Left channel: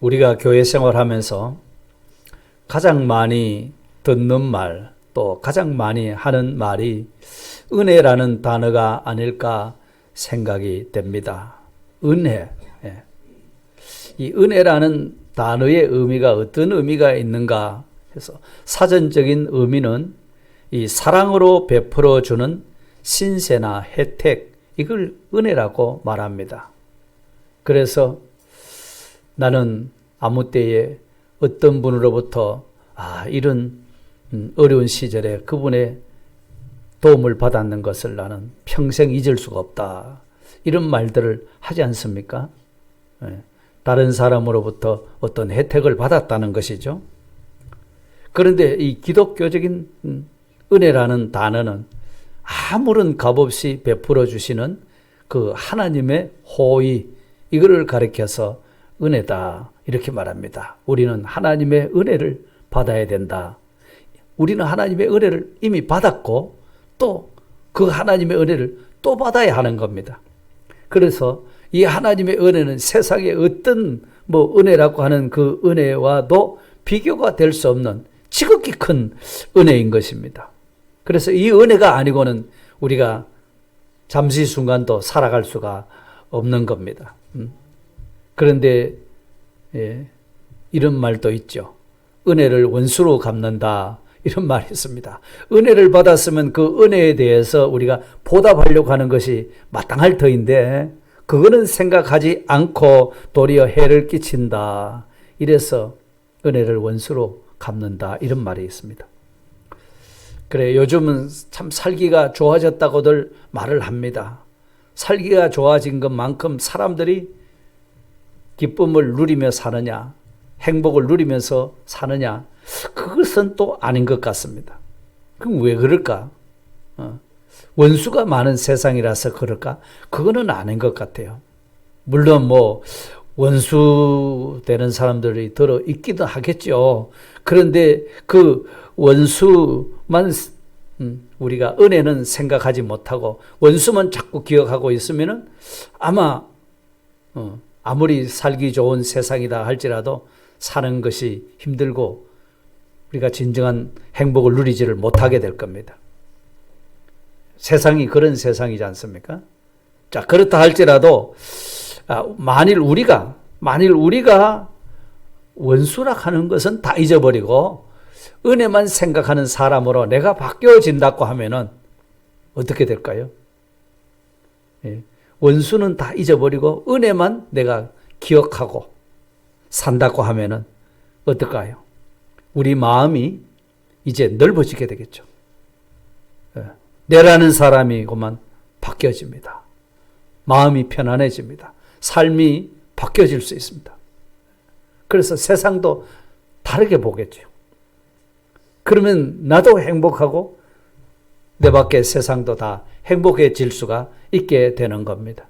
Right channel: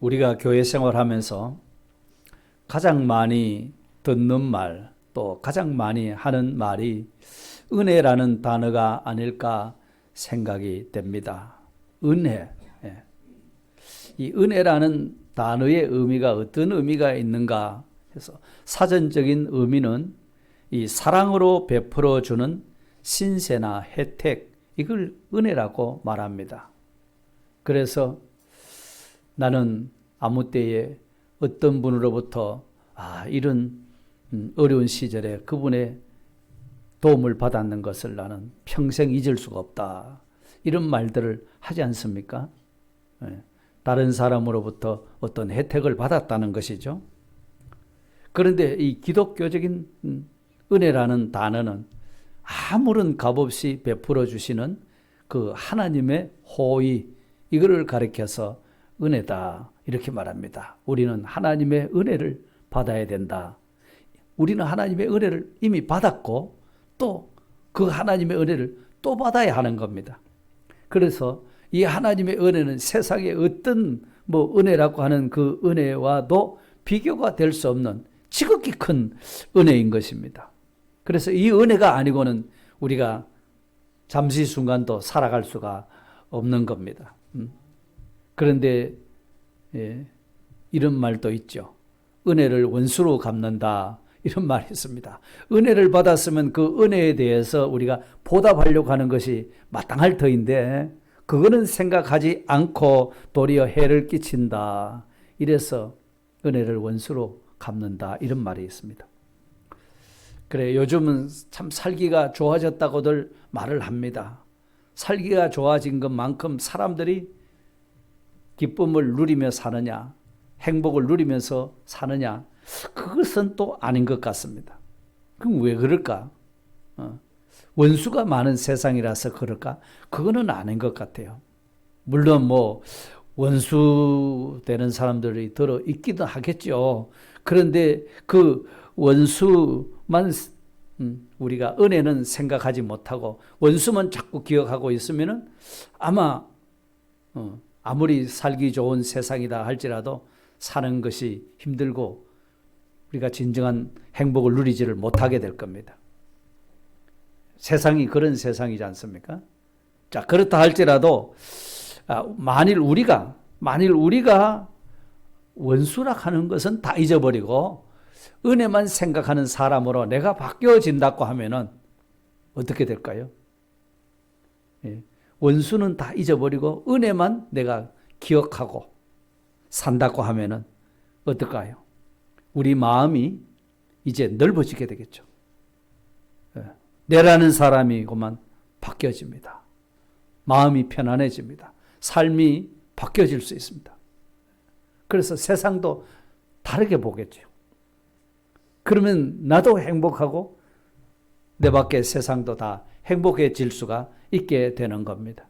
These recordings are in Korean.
우리가 교회 생활하면서 가장 많이 듣는 말, 또 가장 많이 하는 말이 은혜라는 단어가 아닐까 생각이 됩니다. 은혜. 예. 이 은혜라는 단어의 의미가 어떤 의미가 있는가 해서 사전적인 의미는 이 사랑으로 베풀어주는 신세나 혜택, 이걸 은혜라고 말합니다. 그래서 나는 아무 때에 어떤 분으로부터 이런 어려운 시절에 그분의 도움을 받았는 것을 나는 평생 잊을 수가 없다. 이런 말들을 하지 않습니까? 다른 사람으로부터 어떤 혜택을 받았다는 것이죠. 그런데 이 기독교적인 은혜라는 단어는 아무런 값없이 베풀어 주시는 그 하나님의 호의, 이거를 가리켜서 은혜다 이렇게 말합니다. 우리는 하나님의 은혜를 받아야 된다. 우리는 하나님의 은혜를 이미 받았고 또 그 하나님의 은혜를 또 받아야 하는 겁니다. 그래서 이 하나님의 은혜는 세상의 어떤 은혜라고 하는 그 은혜와도 비교가 될 수 없는 지극히 큰 은혜인 것입니다. 그래서 이 은혜가 아니고는 우리가 잠시 순간도 살아갈 수가 없는 겁니다. 그런데 이런 말도 있죠. 은혜를 원수로 갚는다. 이런 말이 있습니다. 은혜를 받았으면 그 은혜에 대해서 우리가 보답하려고 하는 것이 마땅할 터인데 그거는 생각하지 않고 도리어 해를 끼친다. 이래서 은혜를 원수로 갚는다. 이런 말이 있습니다. 그래, 요즘은 참 살기가 좋아졌다고들 말을 합니다. 살기가 좋아진 것만큼 사람들이 기쁨을 누리며 사느냐, 행복을 누리면서 사느냐, 그것은 또 아닌 것 같습니다. 그럼 왜 그럴까? 원수가 많은 세상이라서 그럴까? 그거는 아닌 것 같아요. 물론 원수 되는 사람들이 들어 있기도 하겠죠. 그런데 그 원수만 우리가 은혜는 생각하지 못하고 원수만 자꾸 기억하고 있으면은 아마 아무리 살기 좋은 세상이다 할지라도 사는 것이 힘들고 우리가 진정한 행복을 누리지를 못하게 될 겁니다. 세상이 그런 세상이지 않습니까? 자, 그렇다 할지라도 만일 우리가 원수라 하는 것은 다 잊어버리고 은혜만 생각하는 사람으로 내가 바뀌어진다고 하면은 어떻게 될까요? 원수는 다 잊어버리고 은혜만 내가 기억하고 산다고 하면은 어떨까요? 우리 마음이 이제 넓어지게 되겠죠. 내라는 사람이 그만 바뀌어집니다. 마음이 편안해집니다. 삶이 바뀌어질 수 있습니다. 그래서 세상도 다르게 보겠죠. 그러면 나도 행복하고 내 밖의 세상도 다 행복해질 수가 있게 되는 겁니다.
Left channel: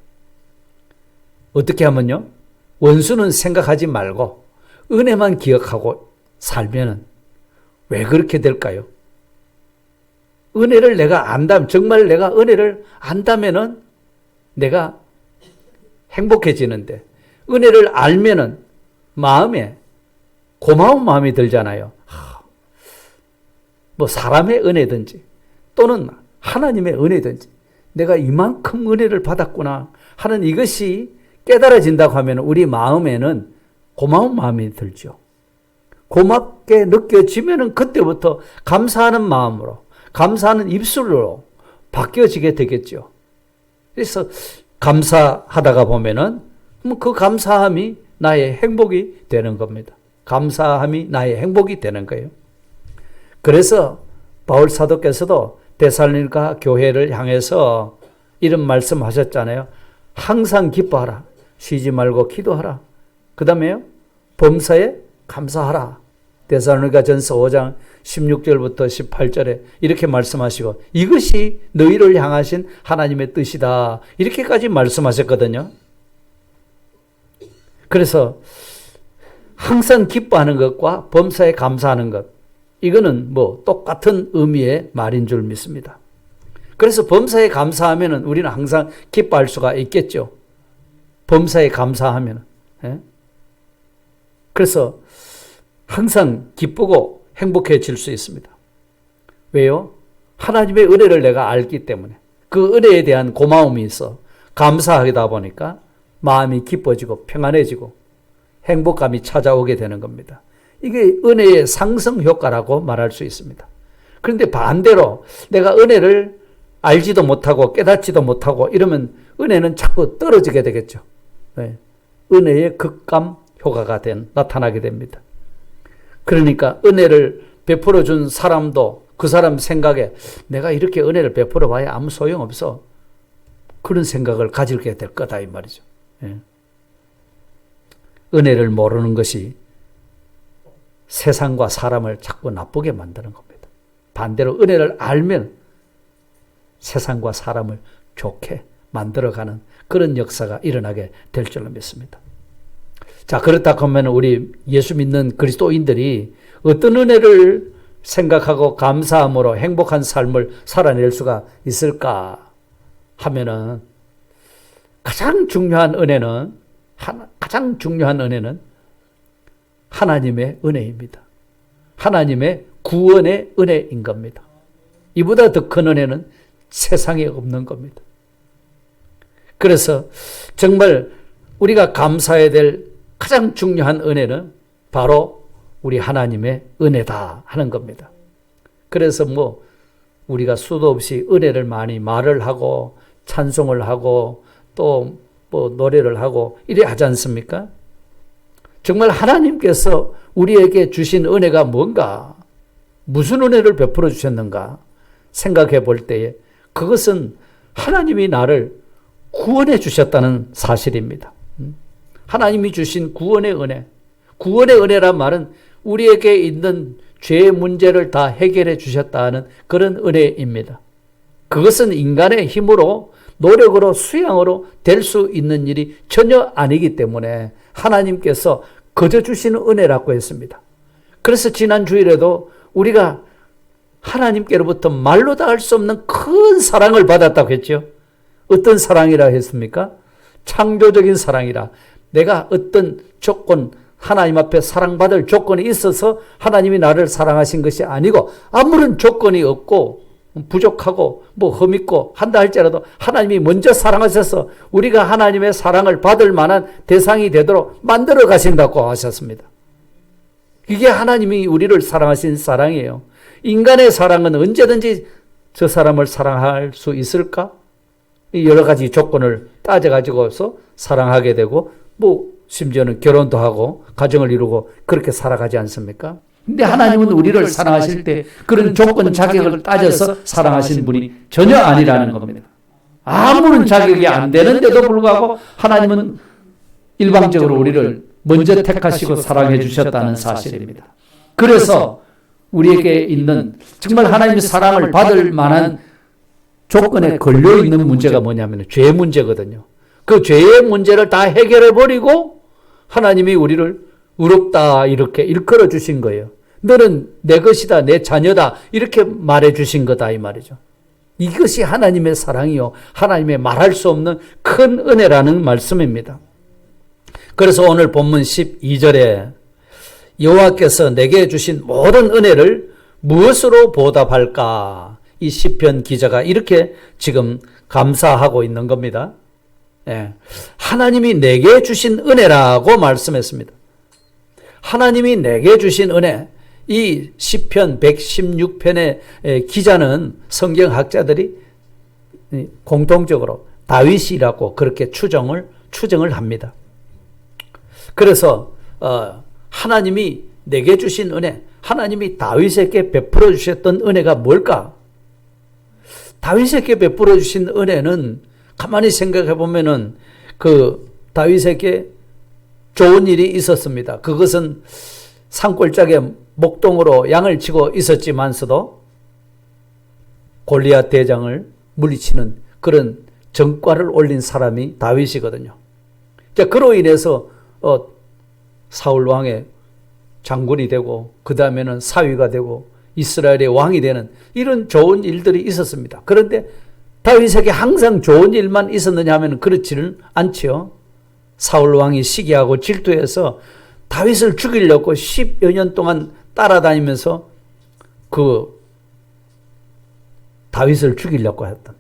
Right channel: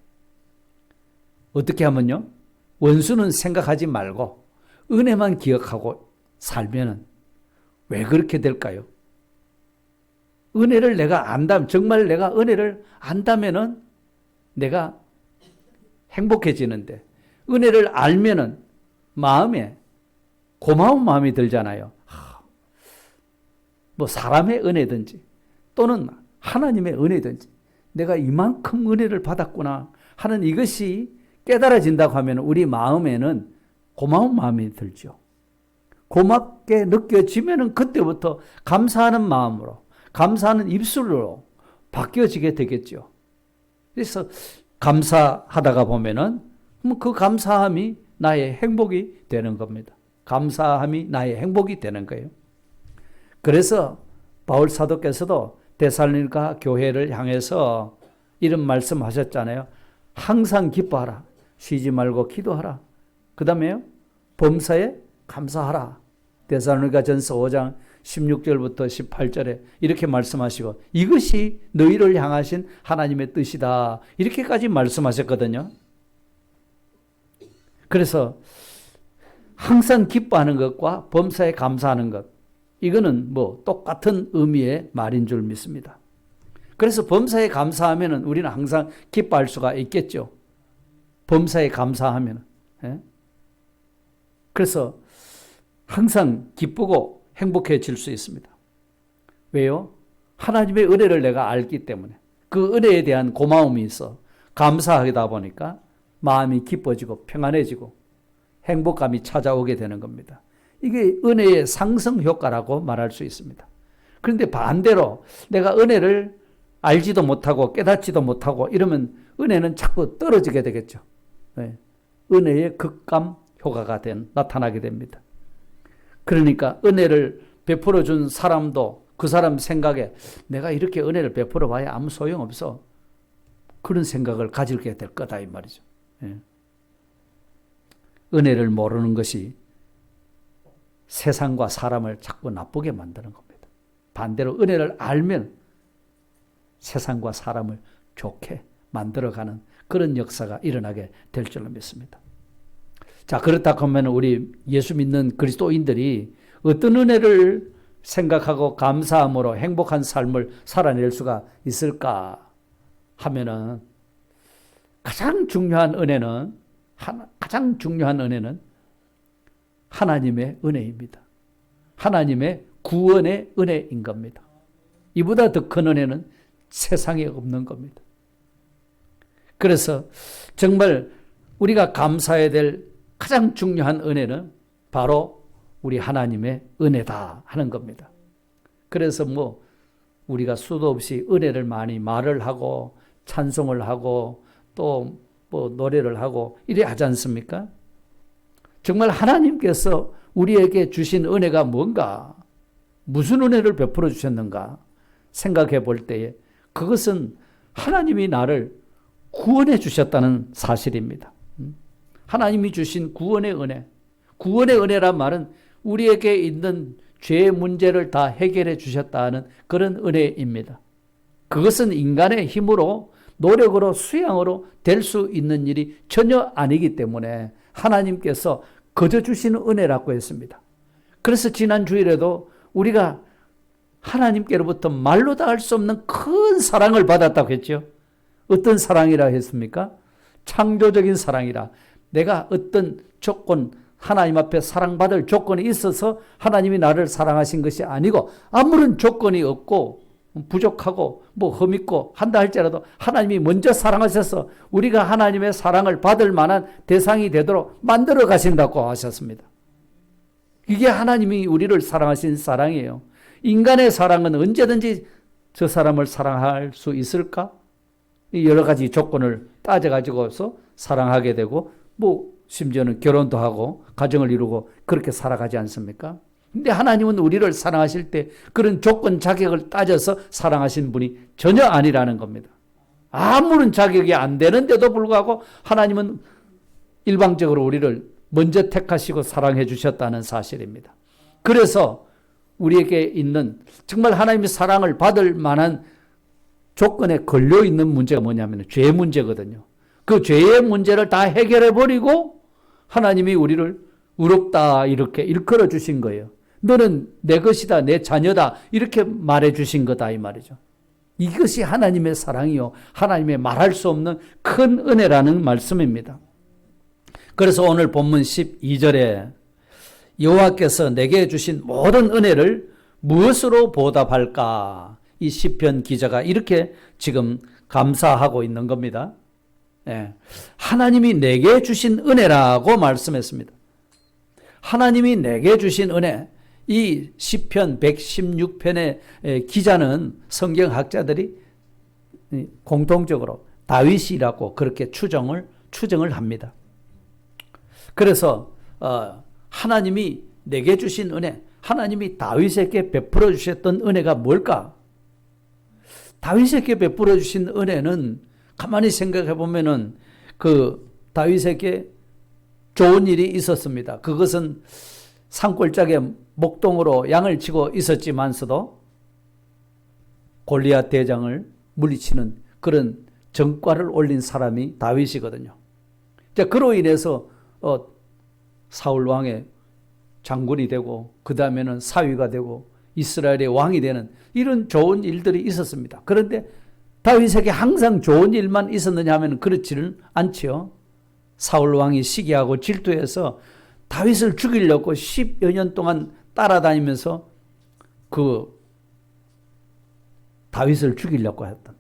어떻게 하면요? 원수는 생각하지 말고 은혜만 기억하고 살면은 왜 그렇게 될까요? 은혜를 내가 안다면, 정말 내가 은혜를 안다면은 내가 행복해지는데, 은혜를 알면은 마음에 고마운 마음이 들잖아요. 사람의 은혜든지 또는 하나님의 은혜든지 내가 이만큼 은혜를 받았구나 하는 이것이 깨달아진다고 하면 우리 마음에는 고마운 마음이 들죠. 고맙게 느껴지면은 그때부터 감사하는 마음으로, 감사하는 입술로 바뀌어지게 되겠죠. 그래서 감사하다가 보면은 그 감사함이 나의 행복이 되는 겁니다. 감사함이 나의 행복이 되는 거예요. 그래서 바울 사도께서도 데살로니가 교회를 향해서 이런 말씀하셨잖아요. 항상 기뻐하라. 쉬지 말고 기도하라. 그 다음에요. 범사에 감사하라. 데살로니가 전서 5장 16절부터 18절에 이렇게 말씀하시고 이것이 너희를 향하신 하나님의 뜻이다. 이렇게까지 말씀하셨거든요. 그래서 항상 기뻐하는 것과 범사에 감사하는 것, 이거는 똑같은 의미의 말인 줄 믿습니다. 그래서 범사에 감사하면 우리는 항상 기뻐할 수가 있겠죠. 범사에 감사하면. 그래서 항상 기쁘고 행복해질 수 있습니다. 왜요? 하나님의 은혜를 내가 알기 때문에 그 은혜에 대한 고마움이 있어 감사하다 보니까 마음이 기뻐지고 평안해지고 행복감이 찾아오게 되는 겁니다. 이게 은혜의 상승 효과라고 말할 수 있습니다. 그런데 반대로 내가 은혜를 알지도 못하고 깨닫지도 못하고 이러면 은혜는 자꾸 떨어지게 되겠죠. 네. 은혜의 극감 효과가 나타나게 됩니다. 그러니까 은혜를 베풀어 준 사람도 그 사람 생각에 내가 이렇게 은혜를 베풀어 봐야 아무 소용없어. 그런 생각을 가지게 될 거다 이 말이죠. 네. 은혜를 모르는 것이 세상과 사람을 자꾸 나쁘게 만드는 겁니다. 반대로 은혜를 알면 세상과 사람을 좋게 만들어가는 그런 역사가 일어나게 될 줄로 믿습니다. 자, 그렇다 하면 우리 예수 믿는 그리스도인들이 어떤 은혜를 생각하고 감사함으로 행복한 삶을 살아낼 수가 있을까 하면은 가장 중요한 은혜는 하나님의 은혜입니다. 하나님의 구원의 은혜인 겁니다. 이보다 더 큰 은혜는 세상에 없는 겁니다. 그래서 정말 우리가 감사해야 될 가장 중요한 은혜는 바로 우리 하나님의 은혜다 하는 겁니다. 그래서 우리가 수도 없이 은혜를 많이 말을 하고 찬송을 하고 또 노래를 하고 이래 하지 않습니까? 정말 하나님께서 우리에게 주신 은혜가 뭔가, 무슨 은혜를 베풀어 주셨는가 생각해 볼 때에 그것은 하나님이 나를 구원해 주셨다는 사실입니다. 하나님이 주신 구원의 은혜. 구원의 은혜란 말은 우리에게 있는 죄의 문제를 다 해결해 주셨다는 그런 은혜입니다. 그것은 인간의 힘으로 노력으로 수양으로 될 수 있는 일이 전혀 아니기 때문에 하나님께서 거저 주시는 은혜라고 했습니다. 그래서 지난 주일에도 우리가 하나님께로부터 말로 다 할 수 없는 큰 사랑을 받았다고 했죠. 어떤 사랑이라 했습니까? 창조적인 사랑이라. 내가 어떤 조건, 하나님 앞에 사랑받을 조건이 있어서 하나님이 나를 사랑하신 것이 아니고 아무런 조건이 없고 부족하고 흠있고 한다 할지라도 하나님이 먼저 사랑하셔서 우리가 하나님의 사랑을 받을 만한 대상이 되도록 만들어 가신다고 하셨습니다. 이게 하나님이 우리를 사랑하신 사랑이에요. 인간의 사랑은 언제든지 저 사람을 사랑할 수 있을까? 여러 가지 조건을 따져가지고서 사랑하게 되고 심지어는 결혼도 하고 가정을 이루고 그렇게 살아가지 않습니까? 근데 하나님은 우리를 사랑하실 때 그런 조건 자격을 따져서 사랑하신 분이 전혀 아니라는 겁니다. 아무런 자격이 안 되는데도 불구하고 하나님은 일방적으로 우리를 먼저 택하시고 사랑해 주셨다는 사실입니다. 그래서 우리에게 있는 정말 하나님의 사랑을 받을 만한 조건에 걸려 있는 문제가 뭐냐면 죄 문제거든요. 그 죄의 문제를 다 해결해 버리고 하나님이 우리를 의롭다 이렇게 일컬어 주신 거예요. 너는 내 것이다, 내 자녀다 이렇게 말해 주신 거다 이 말이죠. 이것이 하나님의 사랑이요, 하나님의 말할 수 없는 큰 은혜라는 말씀입니다. 그래서 오늘 본문 12절에 여호와께서 내게 주신 모든 은혜를 무엇으로 보답할까? 이 시편 기자가 이렇게 지금 감사하고 있는 겁니다. 예. 하나님이 내게 주신 은혜라고 말씀했습니다. 하나님이 내게 주신 은혜, 이 시편 116편의 기자는 성경학자들이 공통적으로 다윗이라고 그렇게 추정을 합니다. 그래서 하나님이 내게 주신 은혜, 하나님이 다윗에게 베풀어 주셨던 은혜가 뭘까? 다윗에게 베풀어 주신 은혜는 가만히 생각해 보면은 그 다윗에게 좋은 일이 있었습니다. 그것은 산골짜기에 목동으로 양을 치고 있었지만서도 골리앗 대장을 물리치는 그런 전과를 올린 사람이 다윗이거든요. 자, 그로 인해서 사울 왕의 장군이 되고 그 다음에는 사위가 되고 이스라엘의 왕이 되는 이런 좋은 일들이 있었습니다. 그런데 다윗에게 항상 좋은 일만 있었느냐 하면 그렇지는 않지요. 사울 왕이 시기하고 질투해서 다윗을 죽이려고 10여 년 동안 따라다니면서 그 다윗을 죽이려고 했던.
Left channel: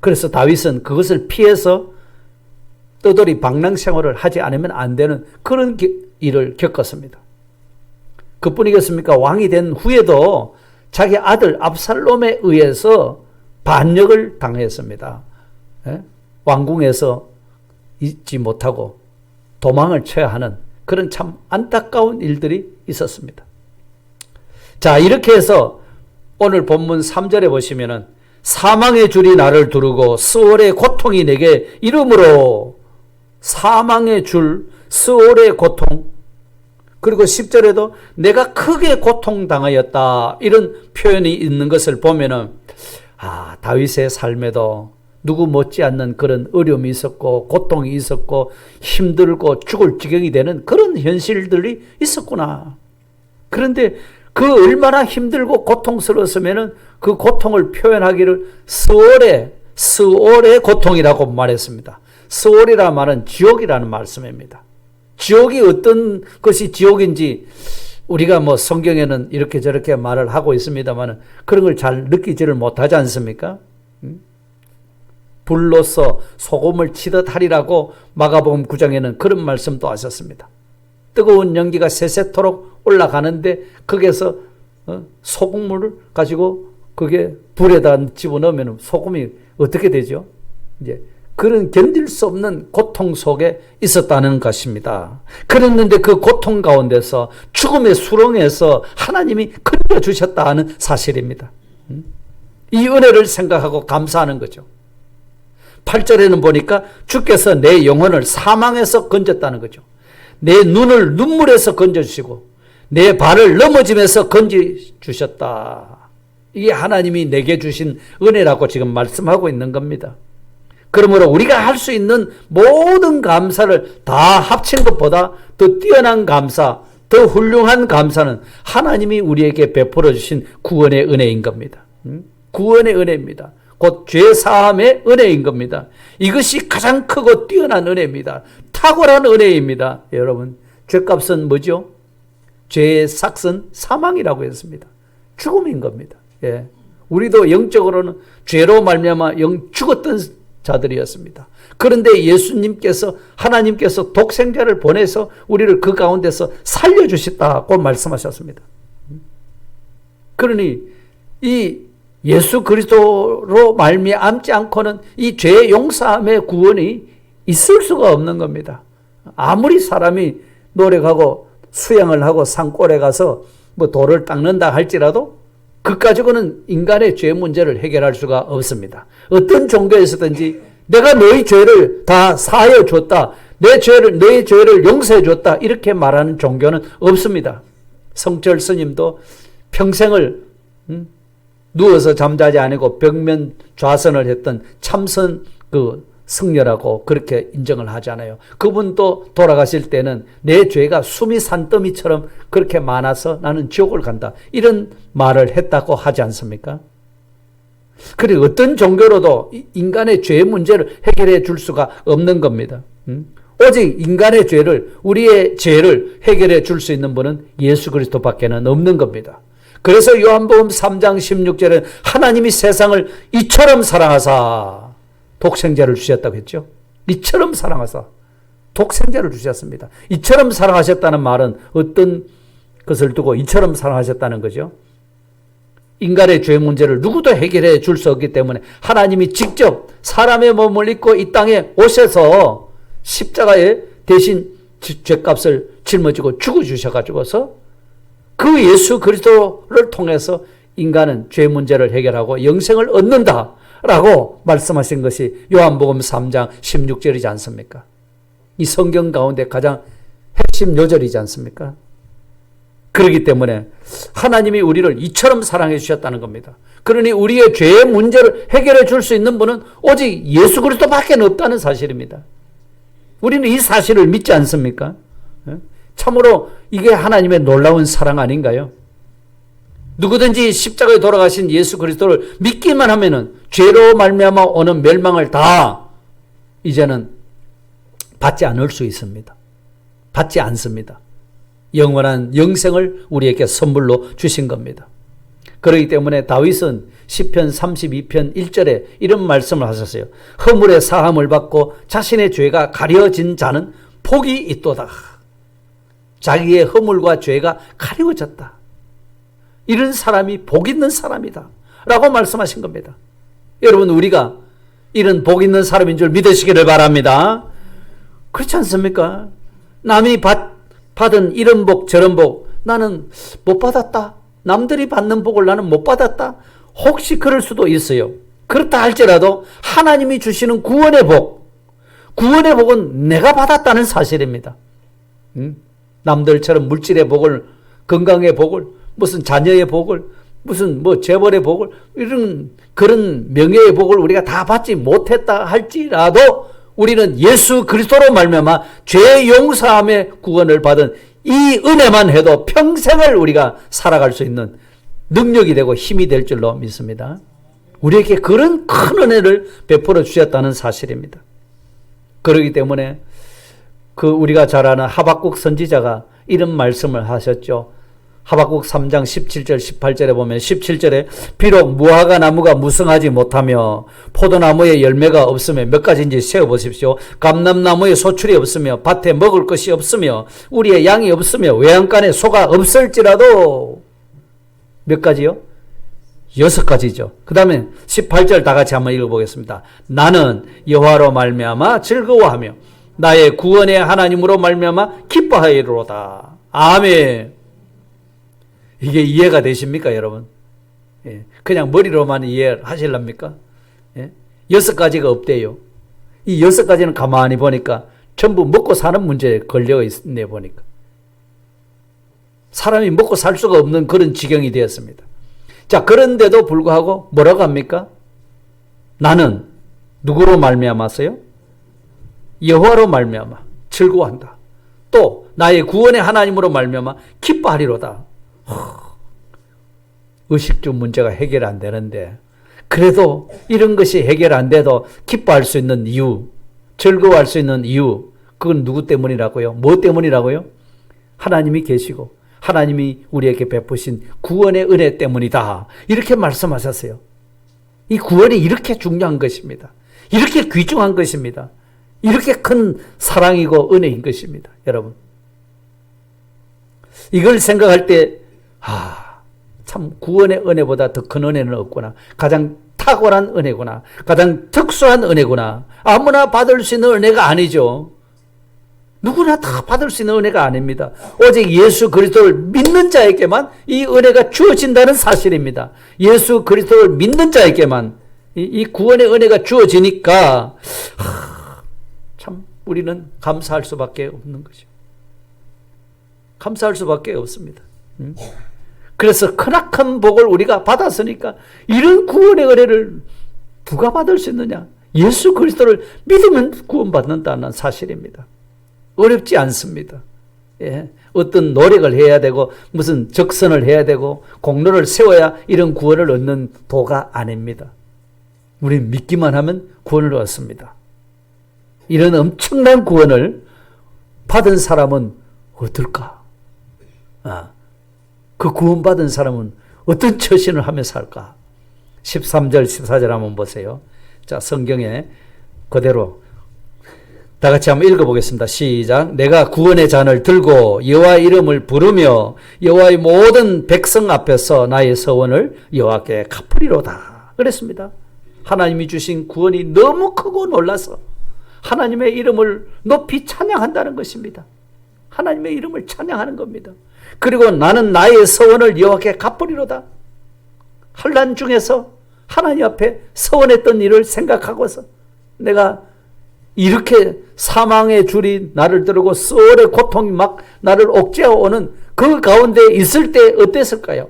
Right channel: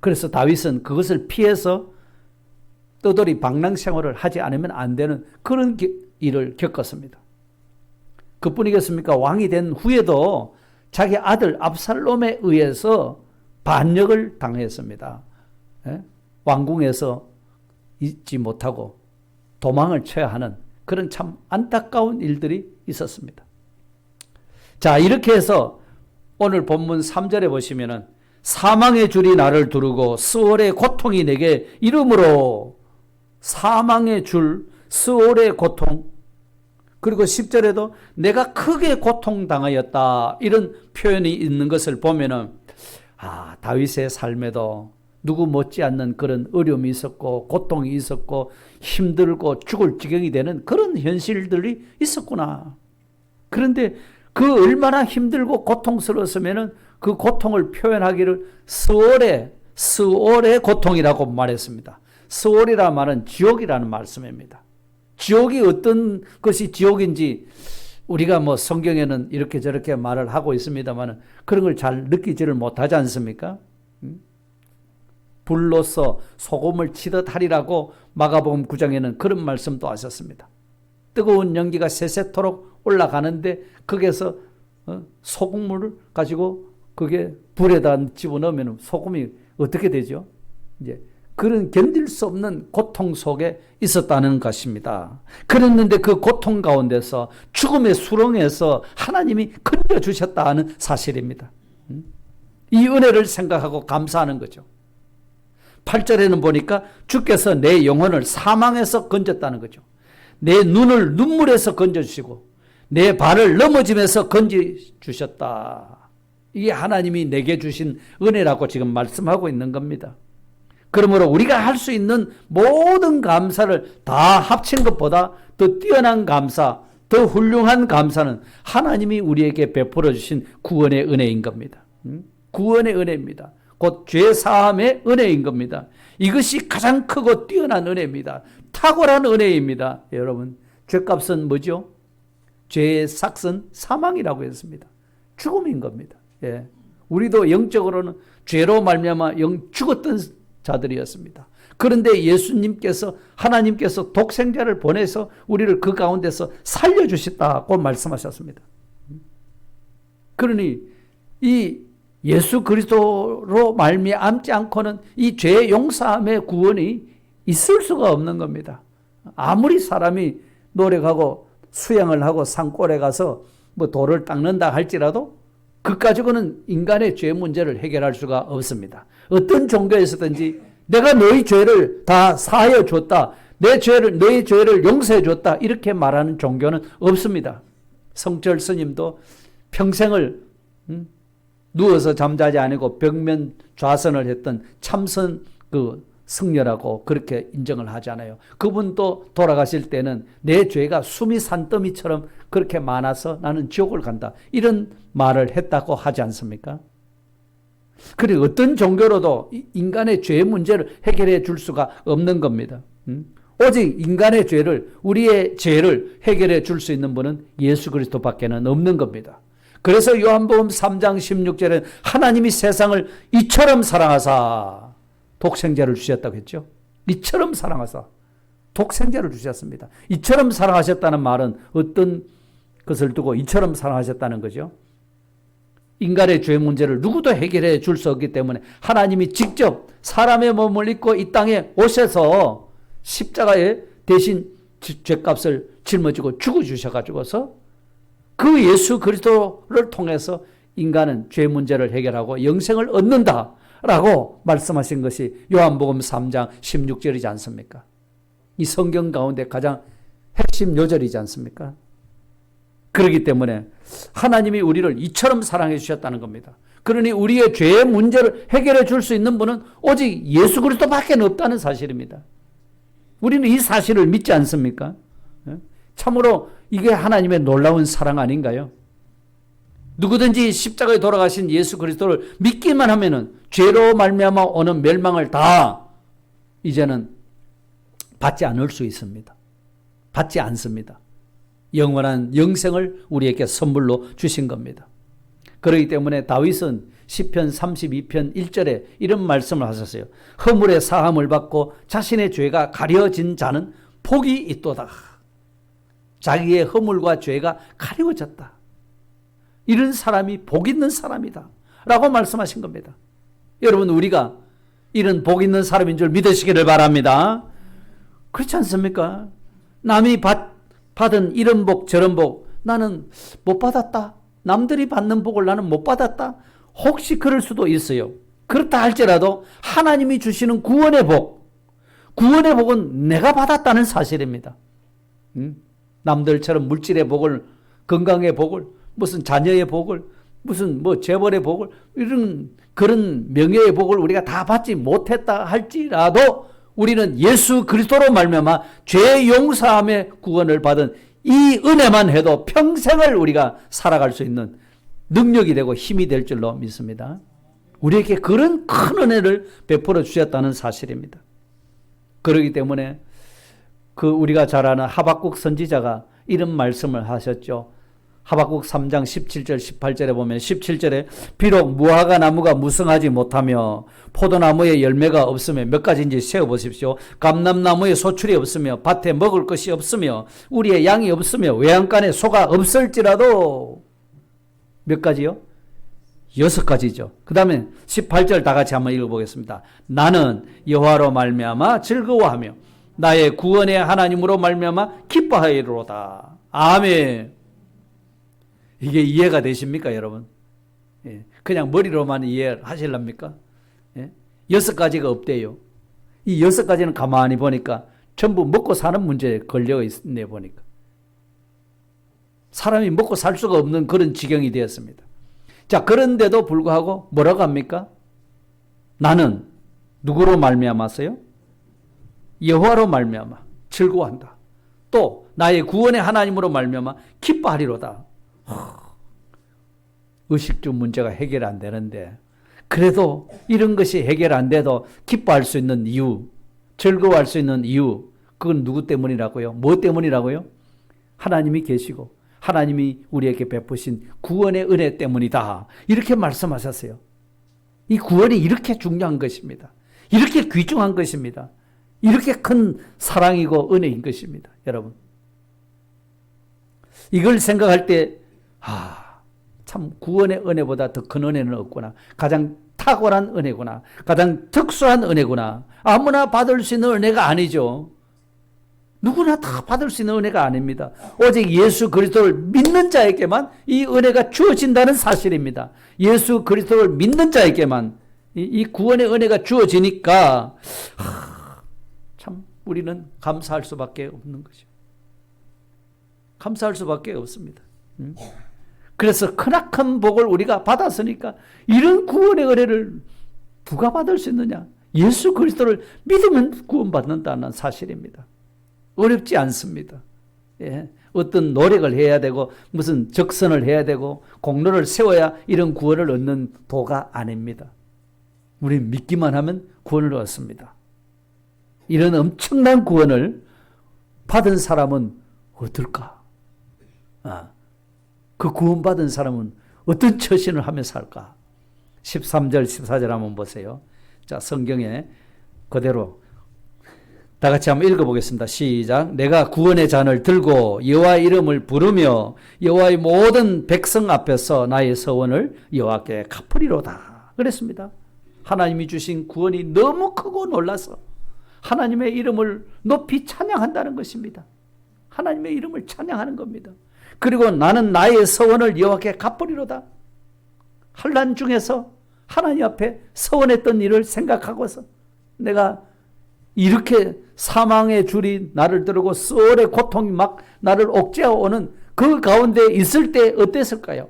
그래서 다윗은 그것을 피해서 떠돌이 방랑 생활을 하지 않으면 안 되는 그런 일을 겪었습니다. 그뿐이겠습니까? 왕이 된 후에도 자기 아들 압살롬에 의해서 반역을 당했습니다. 왕궁에서 있지 못하고 도망을 쳐야 하는 그런 참 안타까운 일들이 있었습니다. 자, 이렇게 해서 오늘 본문 3절에 보시면은 사망의 줄이 나를 두르고 스올의 고통이 내게 이름으로, 사망의 줄, 스올의 고통, 그리고 10절에도 내가 크게 고통당하였다, 이런 표현이 있는 것을 보면은 다윗의 삶에도 누구 못지않는 그런 어려움이 있었고 고통이 있었고 힘들고 죽을 지경이 되는 그런 현실들이 있었구나. 그런데 그 얼마나 힘들고 고통스러웠으면은 그 고통을 표현하기를 스올의 고통이라고 말했습니다. 스올이라는 말은 지옥이라는 말씀입니다. 지옥이 어떤 것이 지옥인지 우리가 뭐 성경에는 이렇게 저렇게 말을 하고 있습니다만 그런 걸 잘 느끼지를 못하지 않습니까? 불로서 소금을 치듯 하리라고 마가복음 9장에는 그런 말씀도 하셨습니다. 뜨거운 연기가 세세토록 올라가는데 거기에서 소금물을 가지고 그게 불에다 집어넣으면 소금이 어떻게 되죠? 이제 그런 견딜 수 없는 고통 속에 있었다는 것입니다. 그랬는데 그 고통 가운데서 죽음의 수렁에서 하나님이 건져주셨다 하는 사실입니다. 이 은혜를 생각하고 감사하는 거죠. 8절에는 보니까 주께서 내 영혼을 사망에서 건졌다는 거죠. 내 눈을 눈물에서 건져주시고 내 발을 넘어짐에서 건져주셨다. 이게 하나님이 내게 주신 은혜라고 지금 말씀하고 있는 겁니다. 그러므로 우리가 할 수 있는 모든 감사를 다 합친 것보다 더 뛰어난 감사, 더 훌륭한 감사는 하나님이 우리에게 베풀어 주신 구원의 은혜인 겁니다. 구원의 은혜입니다. 곧 죄사함의 은혜인 겁니다. 이것이 가장 크고 뛰어난 은혜입니다. 탁월한 은혜입니다. 여러분, 죄값은 뭐죠? 죄의 삭은 사망이라고 했습니다. 죽음인 겁니다. 예. 우리도 영적으로는 죄로 말미암아 죽었던 자들이었습니다. 그런데 예수님께서, 하나님께서 독생자를 보내서 우리를 그 가운데서 살려주셨다고 말씀하셨습니다. 그러니 이 예수 그리스도로 말미암지 않고는 이 죄 용서함의 구원이 있을 수가 없는 겁니다. 아무리 사람이 노력하고 수양을 하고 산골에 가서 뭐 돌을 닦는다 할지라도 그 가지고는 인간의 죄 문제를 해결할 수가 없습니다. 어떤 종교에서든지 내가 너희 죄를 다 사하여 줬다, 너희 죄를 용서해 줬다, 이렇게 말하는 종교는 없습니다. 성철 스님도 평생을 누워서 잠자지 않고 벽면 좌선을 했던 참선 승려라고 그렇게 인정을 하잖아요. 그분도 돌아가실 때는 내 죄가 숨이 산더미처럼 그렇게 많아서 나는 지옥을 간다, 이런 말을 했다고 하지 않습니까? 그리고 어떤 종교로도 인간의 죄 문제를 해결해 줄 수가 없는 겁니다. 오직 인간의 죄를, 우리의 죄를 해결해 줄 수 있는 분은 예수 그리스도밖에는 없는 겁니다. 그래서 요한복음 3장 16절에 하나님이 세상을 이처럼 사랑하사 독생자를 주셨다고 했죠. 이처럼 사랑하사 독생자를 주셨습니다. 이처럼 사랑하셨다는 말은 어떤 것을 두고 이처럼 사랑하셨다는 거죠? 인간의 죄 문제를 누구도 해결해 줄 수 없기 때문에 하나님이 직접 사람의 몸을 입고 이 땅에 오셔서 십자가에 대신 죄값을 짊어지고 죽어주셔가지고서 그 예수 그리스도를 통해서 인간은 죄 문제를 해결하고 영생을 얻는다라고 말씀하신 것이 요한복음 3장 16절이지 않습니까? 이 성경 가운데 가장 핵심 요절이지 않습니까? 그렇기 때문에 하나님이 우리를 이처럼 사랑해 주셨다는 겁니다. 그러니 우리의 죄의 문제를 해결해 줄 수 있는 분은 오직 예수 그리스도밖에 없다는 사실입니다. 우리는 이 사실을 믿지 않습니까? 참으로 이게 하나님의 놀라운 사랑 아닌가요? 누구든지 십자가에 돌아가신 예수 그리스도를 믿기만 하면은 죄로 말미암아 오는 멸망을 다 이제는 받지 않을 수 있습니다. 받지 않습니다. 영원한 영생을 우리에게 선물로 주신 겁니다. 그렇기 때문에 다윗은 시편 32편 1절에 이런 말씀을 하셨어요. 허물의 사함을 받고 자신의 죄가 가려진 자는 복이 있도다. 자기의 허물과 죄가 가려졌다. 이런 사람이 복 있는 사람이다 라고 말씀하신 겁니다. 여러분, 우리가 이런 복 있는 사람인 줄 믿으시기를 바랍니다. 그렇지 않습니까? 남이 받은 이런 복 저런 복 나는 못 받았다. 남들이 받는 복을 나는 못 받았다. 혹시 그럴 수도 있어요. 그렇다 할지라도 하나님이 주시는 구원의 복은 내가 받았다는 사실입니다. 남들처럼 물질의 복을, 건강의 복을, 무슨 자녀의 복을, 무슨 재벌의 복을, 이런 그런 명예의 복을 우리가 다 받지 못했다 할지라도 우리는 예수 그리스도로 말미암아 죄 용서함의 구원을 받은 이 은혜만 해도 평생을 우리가 살아갈 수 있는 능력이 되고 힘이 될 줄로 믿습니다. 우리에게 그런 큰 은혜를 베풀어 주셨다는 사실입니다. 그렇기 때문에 우리가 잘 아는 하박국 선지자가 이런 말씀을 하셨죠. 하박국 3장 17절 18절에 보면 17절에 비록 무화과 나무가 무성하지 못하며 포도나무에 열매가 없으며 몇 가지인지 세어보십시오. 감람나무에 소출이 없으며 밭에 먹을 것이 없으며 우리의 양이 없으며 외양간에 소가 없을지라도 몇 가지요? 6가지죠. 그 다음에 18절 다 같이 한번 읽어보겠습니다. 나는 여호와로 말미암아 즐거워하며 나의 구원의 하나님으로 말미암아 기뻐하리로다. 아멘. 이게 이해가 되십니까, 여러분? 예. 그냥 머리로만 이해하실랍니까? 예. 6가지가 없대요. 이 6가지는 가만히 보니까 전부 먹고 사는 문제에 걸려 있네, 보니까. 사람이 먹고 살 수가 없는 그런 지경이 되었습니다. 자, 그런데도 불구하고 뭐라고 합니까? 나는 누구로 말미암았어요? 여호와로 말미암아 즐거워한다. 또 나의 구원의 하나님으로 말미암아 기뻐하리로다. 의식주 문제가 해결 안 되는데 그래도 이런 것이 해결 안 돼도 기뻐할 수 있는 이유, 즐거워할 수 있는 이유, 그건 누구 때문이라고요? 뭐 때문이라고요? 하나님이 계시고 하나님이 우리에게 베푸신 구원의 은혜 때문이다. 이렇게 말씀하셨어요. 이 구원이 이렇게 중요한 것입니다. 이렇게 귀중한 것입니다. 이렇게 큰 사랑이고 은혜인 것입니다. 여러분, 이걸 생각할 때 참 구원의 은혜보다 더 큰 은혜는 없구나. 가장 탁월한 은혜구나. 가장 특수한 은혜구나. 아무나 받을 수 있는 은혜가 아니죠. 누구나 다 받을 수 있는 은혜가 아닙니다. 오직 예수 그리스도를 믿는 자에게만 이 은혜가 주어진다는 사실입니다. 예수 그리스도를 믿는 자에게만 이 구원의 은혜가 주어지니까 참 우리는 감사할 수밖에 없는 거죠. 감사할 수밖에 없습니다. 그래서 크나큰 복을 우리가 받았으니까 이런 구원의 은혜를 누가 받을 수 있느냐? 예수 그리스도를 믿으면 구원받는다는 사실입니다. 어렵지 않습니다. 예. 어떤 노력을 해야 되고 무슨 적선을 해야 되고 공로를 세워야 이런 구원을 얻는 도가 아닙니다. 우리는 믿기만 하면 구원을 얻습니다. 이런 엄청난 구원을 받은 사람은 어떨까? 그 구원받은 사람은 어떤 처신을 하며 살까? 13절 14절 한번 보세요. 자, 성경에 그대로 다 같이 한번 읽어보겠습니다. 시작. 내가 구원의 잔을 들고 여호와의 이름을 부르며 여호와의 모든 백성 앞에서 나의 서원을 여호와께 갚으리로다. 그랬습니다. 하나님이 주신 구원이 너무 크고 놀라서 하나님의 이름을 높이 찬양한다는 것입니다. 하나님의 이름을 찬양하는 겁니다. 그리고 나는 나의 서원을 여호와께 갚으리로다. 환난 중에서 하나님 앞에 서원했던 일을 생각하고서 내가 이렇게 사망의 줄이 나를 들고 수월의 고통이 막 나를 옥죄어 오는 그 가운데 있을 때 어땠을까요?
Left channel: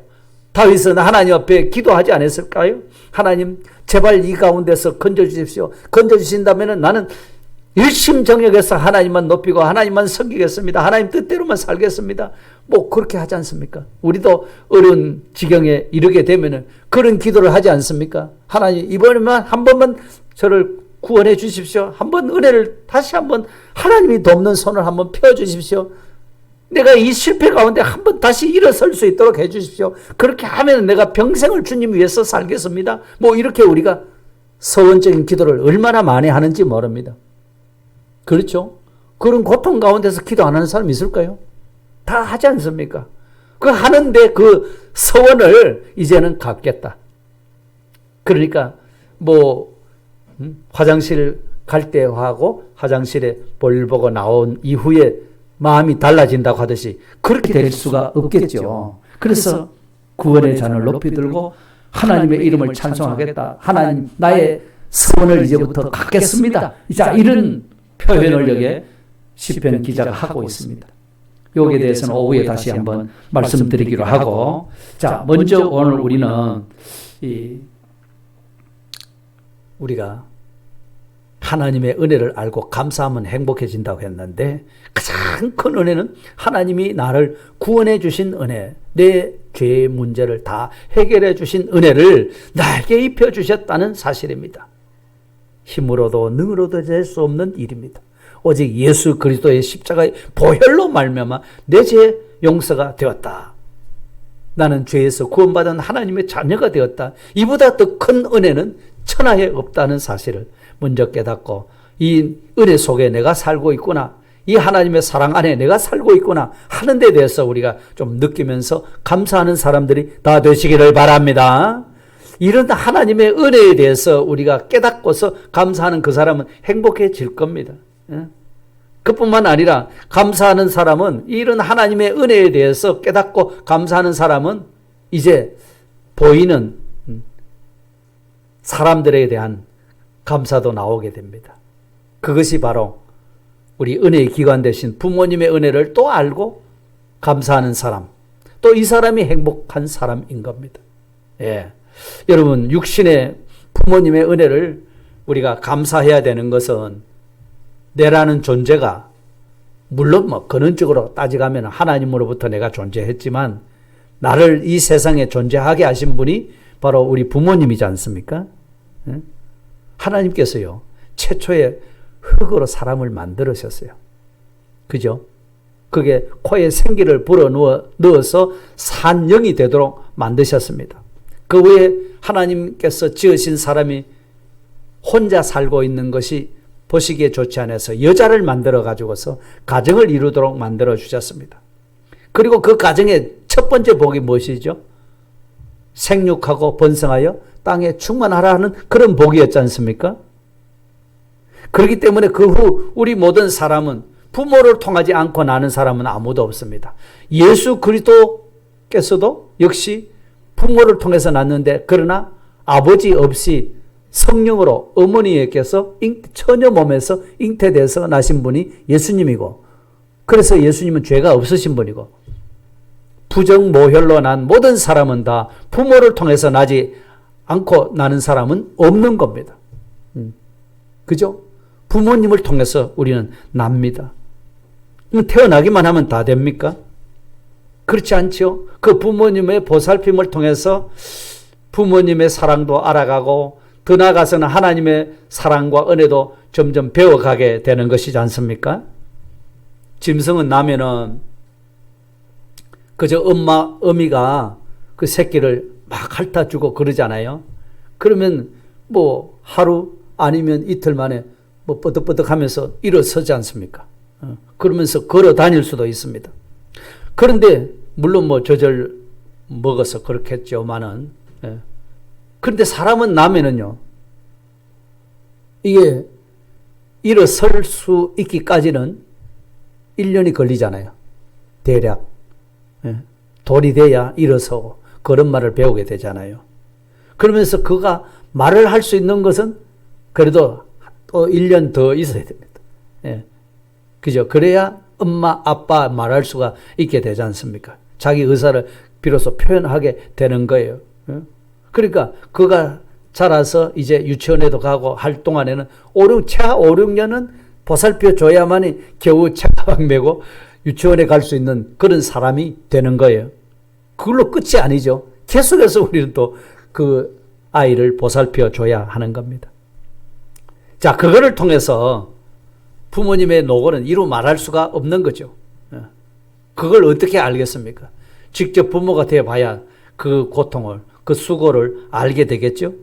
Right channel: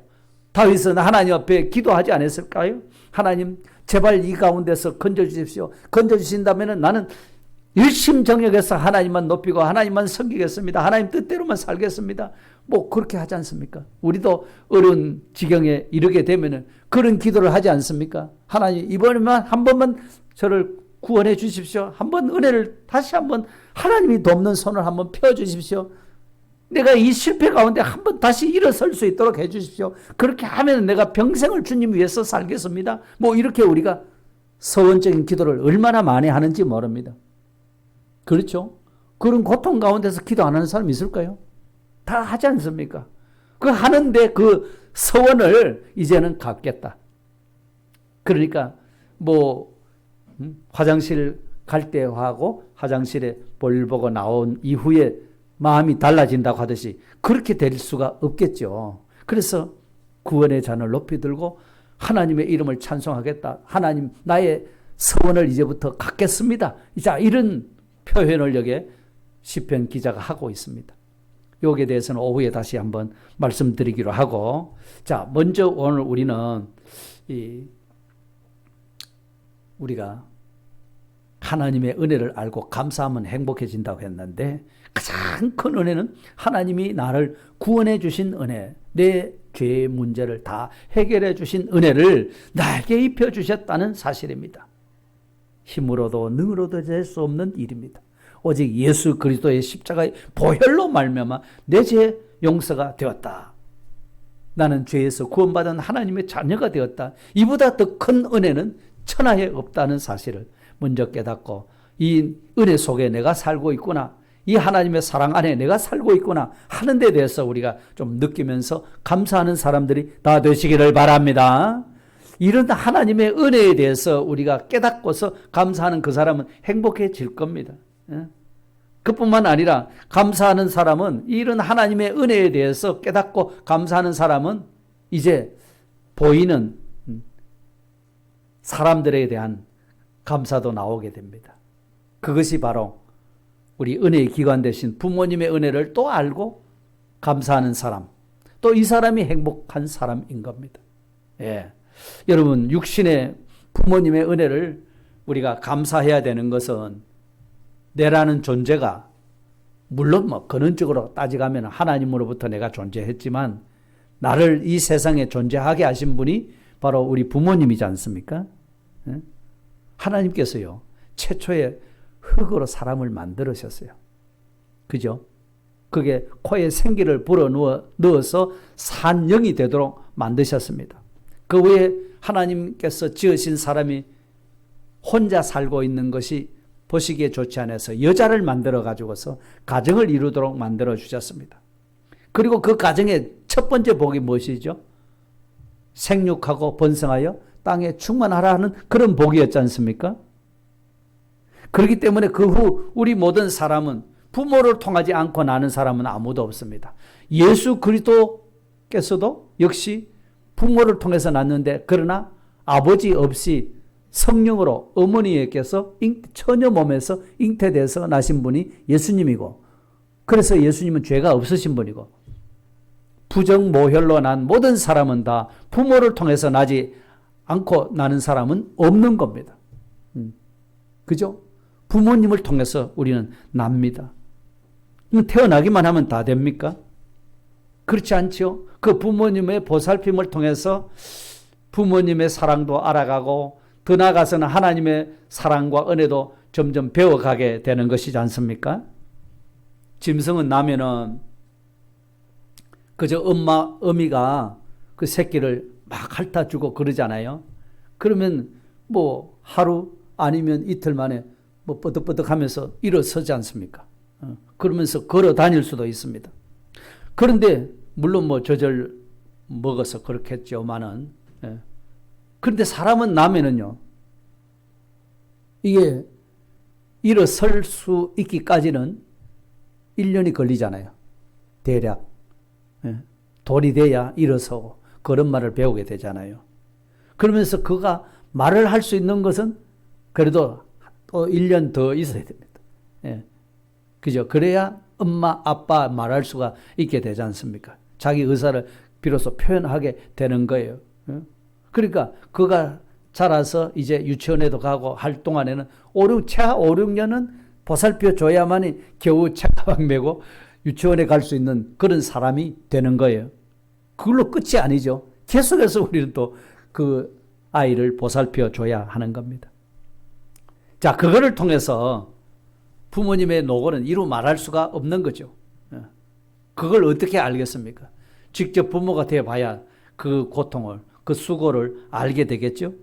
다윗은 하나님 앞에 기도하지 않았을까요? 하나님 제발 이 가운데서 건져주십시오. 건져주신다면 나는 일심정력해서 하나님만 높이고 하나님만 섬기겠습니다. 하나님 뜻대로만 살겠습니다. 뭐 그렇게 하지 않습니까? 우리도 어려운 지경에 이르게 되면 그런 기도를 하지 않습니까? 하나님 이번에만 한 번만 저를 구원해 주십시오. 한번 은혜를 다시 한번 하나님이 돕는 손을 한번 펴주십시오. 내가 이 실패 가운데 한번 다시 일어설 수 있도록 해주십시오. 그렇게 하면 내가 평생을 주님 위해서 살겠습니다. 뭐 이렇게 우리가 서원적인 기도를 얼마나 많이 하는지 모릅니다. 그렇죠? 그런 고통 가운데서 기도 안 하는 사람 있을까요? 다 하지 않습니까? 그 하는데 그 서원을 이제는 갚겠다. 그러니까 뭐 화장실 갈 때 하고 화장실에 볼 보고 나온 이후에 마음이 달라진다고 하듯이 그렇게 될 수가 없겠죠. 그래서 구원의 잔을 높이 들고 하나님의 이름을 찬송하겠다. 하나님 나의 서원을 이제부터 갚겠습니다. 자, 이런 표현을 여기에 시편 기자가 하고 있습니다. 여기에 대해서는 오후에 다시 한번 말씀드리기로 하고, 자, 먼저 오늘 우리는 우리가 하나님의 은혜를 알고 감사하면 행복해진다고 했는데 가장 큰 은혜는 하나님이 나를 구원해 주신 은혜, 내 죄의 문제를 다 해결해 주신 은혜를 나에게 입혀 주셨다는 사실입니다. 힘으로도 능으로도 될 수 없는 일입니다. 오직 예수 그리스도의 십자가의 보혈로 말미암아 내 죄 용서가 되었다. 나는 죄에서 구원받은 하나님의 자녀가 되었다. 이보다 더 큰 은혜는 천하에 없다는 사실을 먼저 깨닫고 이 은혜 속에 내가 살고 있구나, 이 하나님의 사랑 안에 내가 살고 있구나 하는 데 대해서 우리가 좀 느끼면서 감사하는 사람들이 다 되시기를 바랍니다. 이런 하나님의 은혜에 대해서 우리가 깨닫고서 감사하는 그 사람은 행복해질 겁니다. 그뿐만 아니라 감사하는 사람은, 이런 하나님의 은혜에 대해서 깨닫고 감사하는 사람은 이제 보이는 사람들에 대한 감사도 나오게 됩니다. 그것이 바로 우리 은혜의 기관 되신 부모님의 은혜를 또 알고 감사하는 사람, 또 이 사람이 행복한 사람인 겁니다. 예. 여러분, 육신의 부모님의 은혜를 우리가 감사해야 되는 것은 내라는 존재가, 물론 뭐 근원적으로 따지가면 하나님으로부터 내가 존재했지만 나를 이 세상에 존재하게 하신 분이 바로 우리 부모님이지 않습니까? 하나님께서요, 최초에 흙으로 사람을 만들으셨어요. 그죠? 그게 코에 생기를 불어 넣어서 산 영이 되도록 만드셨습니다. 그 후에 하나님께서 지으신 사람이 혼자 살고 있는 것이 보시기에 좋지 않아서 여자를 만들어 가지고서 가정을 이루도록 만들어 주셨습니다. 그리고 그 가정의 첫 번째 복이 무엇이죠? 생육하고 번성하여 땅에 충만하라 하는 그런 복이었지 않습니까? 그렇기 때문에 그 후 우리 모든 사람은 부모를 통하지 않고 나는 사람은 아무도 없습니다. 예수 그리스도께서도 역시 부모를 통해서 낳는데, 그러나 아버지 없이 성령으로 어머니에게서 처녀 몸에서 잉태돼서 나신 분이 예수님이고, 그래서 예수님은 죄가 없으신 분이고, 부정모혈로 난 모든 사람은 다 부모를 통해서 나지 않고 나는 사람은 없는 겁니다. 그죠? 부모님을 통해서 우리는 납니다. 태어나기만 하면 다 됩니까? 그렇지 않죠? 그 부모님의 보살핌을 통해서 부모님의 사랑도 알아가고 더 나아가서는 하나님의 사랑과 은혜도 점점 배워가게 되는 것이지 않습니까? 짐승은 나면은 그저 어미가 그 새끼를 막 핥아주고 그러잖아요. 그러면 뭐 하루 아니면 이틀 만에 뭐 뻐득뻐득 하면서 일어서지 않습니까? 그러면서 걸어 다닐 수도 있습니다. 그런데 물론 뭐 저절 먹어서 그렇겠죠만은, 그런데 사람은 나면은요, 이게 일어설 수 있기까지는 1년이 걸리잖아요. 대략. 돌이 돼야 일어서고 걸음마를 배우게 되잖아요. 그러면서 그가 말을 할 수 있는 것은 그래도 또 1년 더 있어야 됩니다. 그죠? 그래야 엄마, 아빠 말할 수가 있게 되지 않습니까? 자기 의사를 비로소 표현하게 되는 거예요. 그러니까 그가 자라서 이제 유치원에도 가고 할 동안에는 최하 5, 6년은 보살펴 줘야만이 겨우 책가방 메고 유치원에 갈 수 있는 그런 사람이 되는 거예요. 그걸로 끝이 아니죠. 계속해서 우리는 또 그 아이를 보살펴 줘야 하는 겁니다. 자, 그거를 통해서 부모님의 노고는 이루 말할 수가 없는 거죠. 그걸 어떻게 알겠습니까? 직접 부모가 되어봐야 그 고통을, 그 수고를 알게 되겠죠.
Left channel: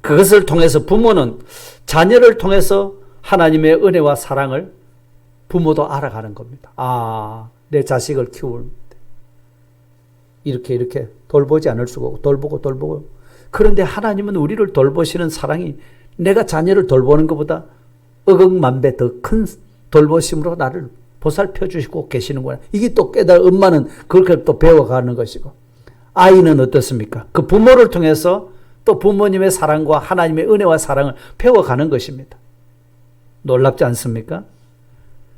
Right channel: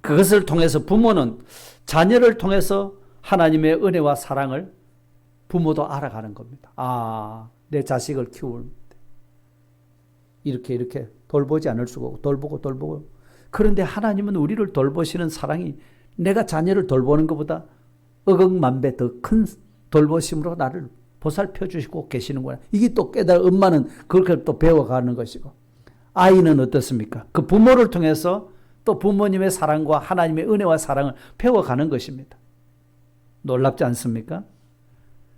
그것을 통해서 부모는 자녀를 통해서 하나님의 은혜와 사랑을 부모도 알아가는 겁니다. 아, 내 자식을 키울 때 이렇게 돌보지 않을 수가 없고 돌보고 그런데 하나님은 우리를 돌보시는 사랑이 내가 자녀를 돌보는 것보다 억억만배 더 큰 돌보심으로 나를 보살펴 주시고 계시는구나. 이게 또 엄마는 그렇게 또 배워가는 것이고, 아이는 어떻습니까? 그 부모를 통해서 또 부모님의 사랑과 하나님의 은혜와 사랑을 배워가는 것입니다. 놀랍지 않습니까?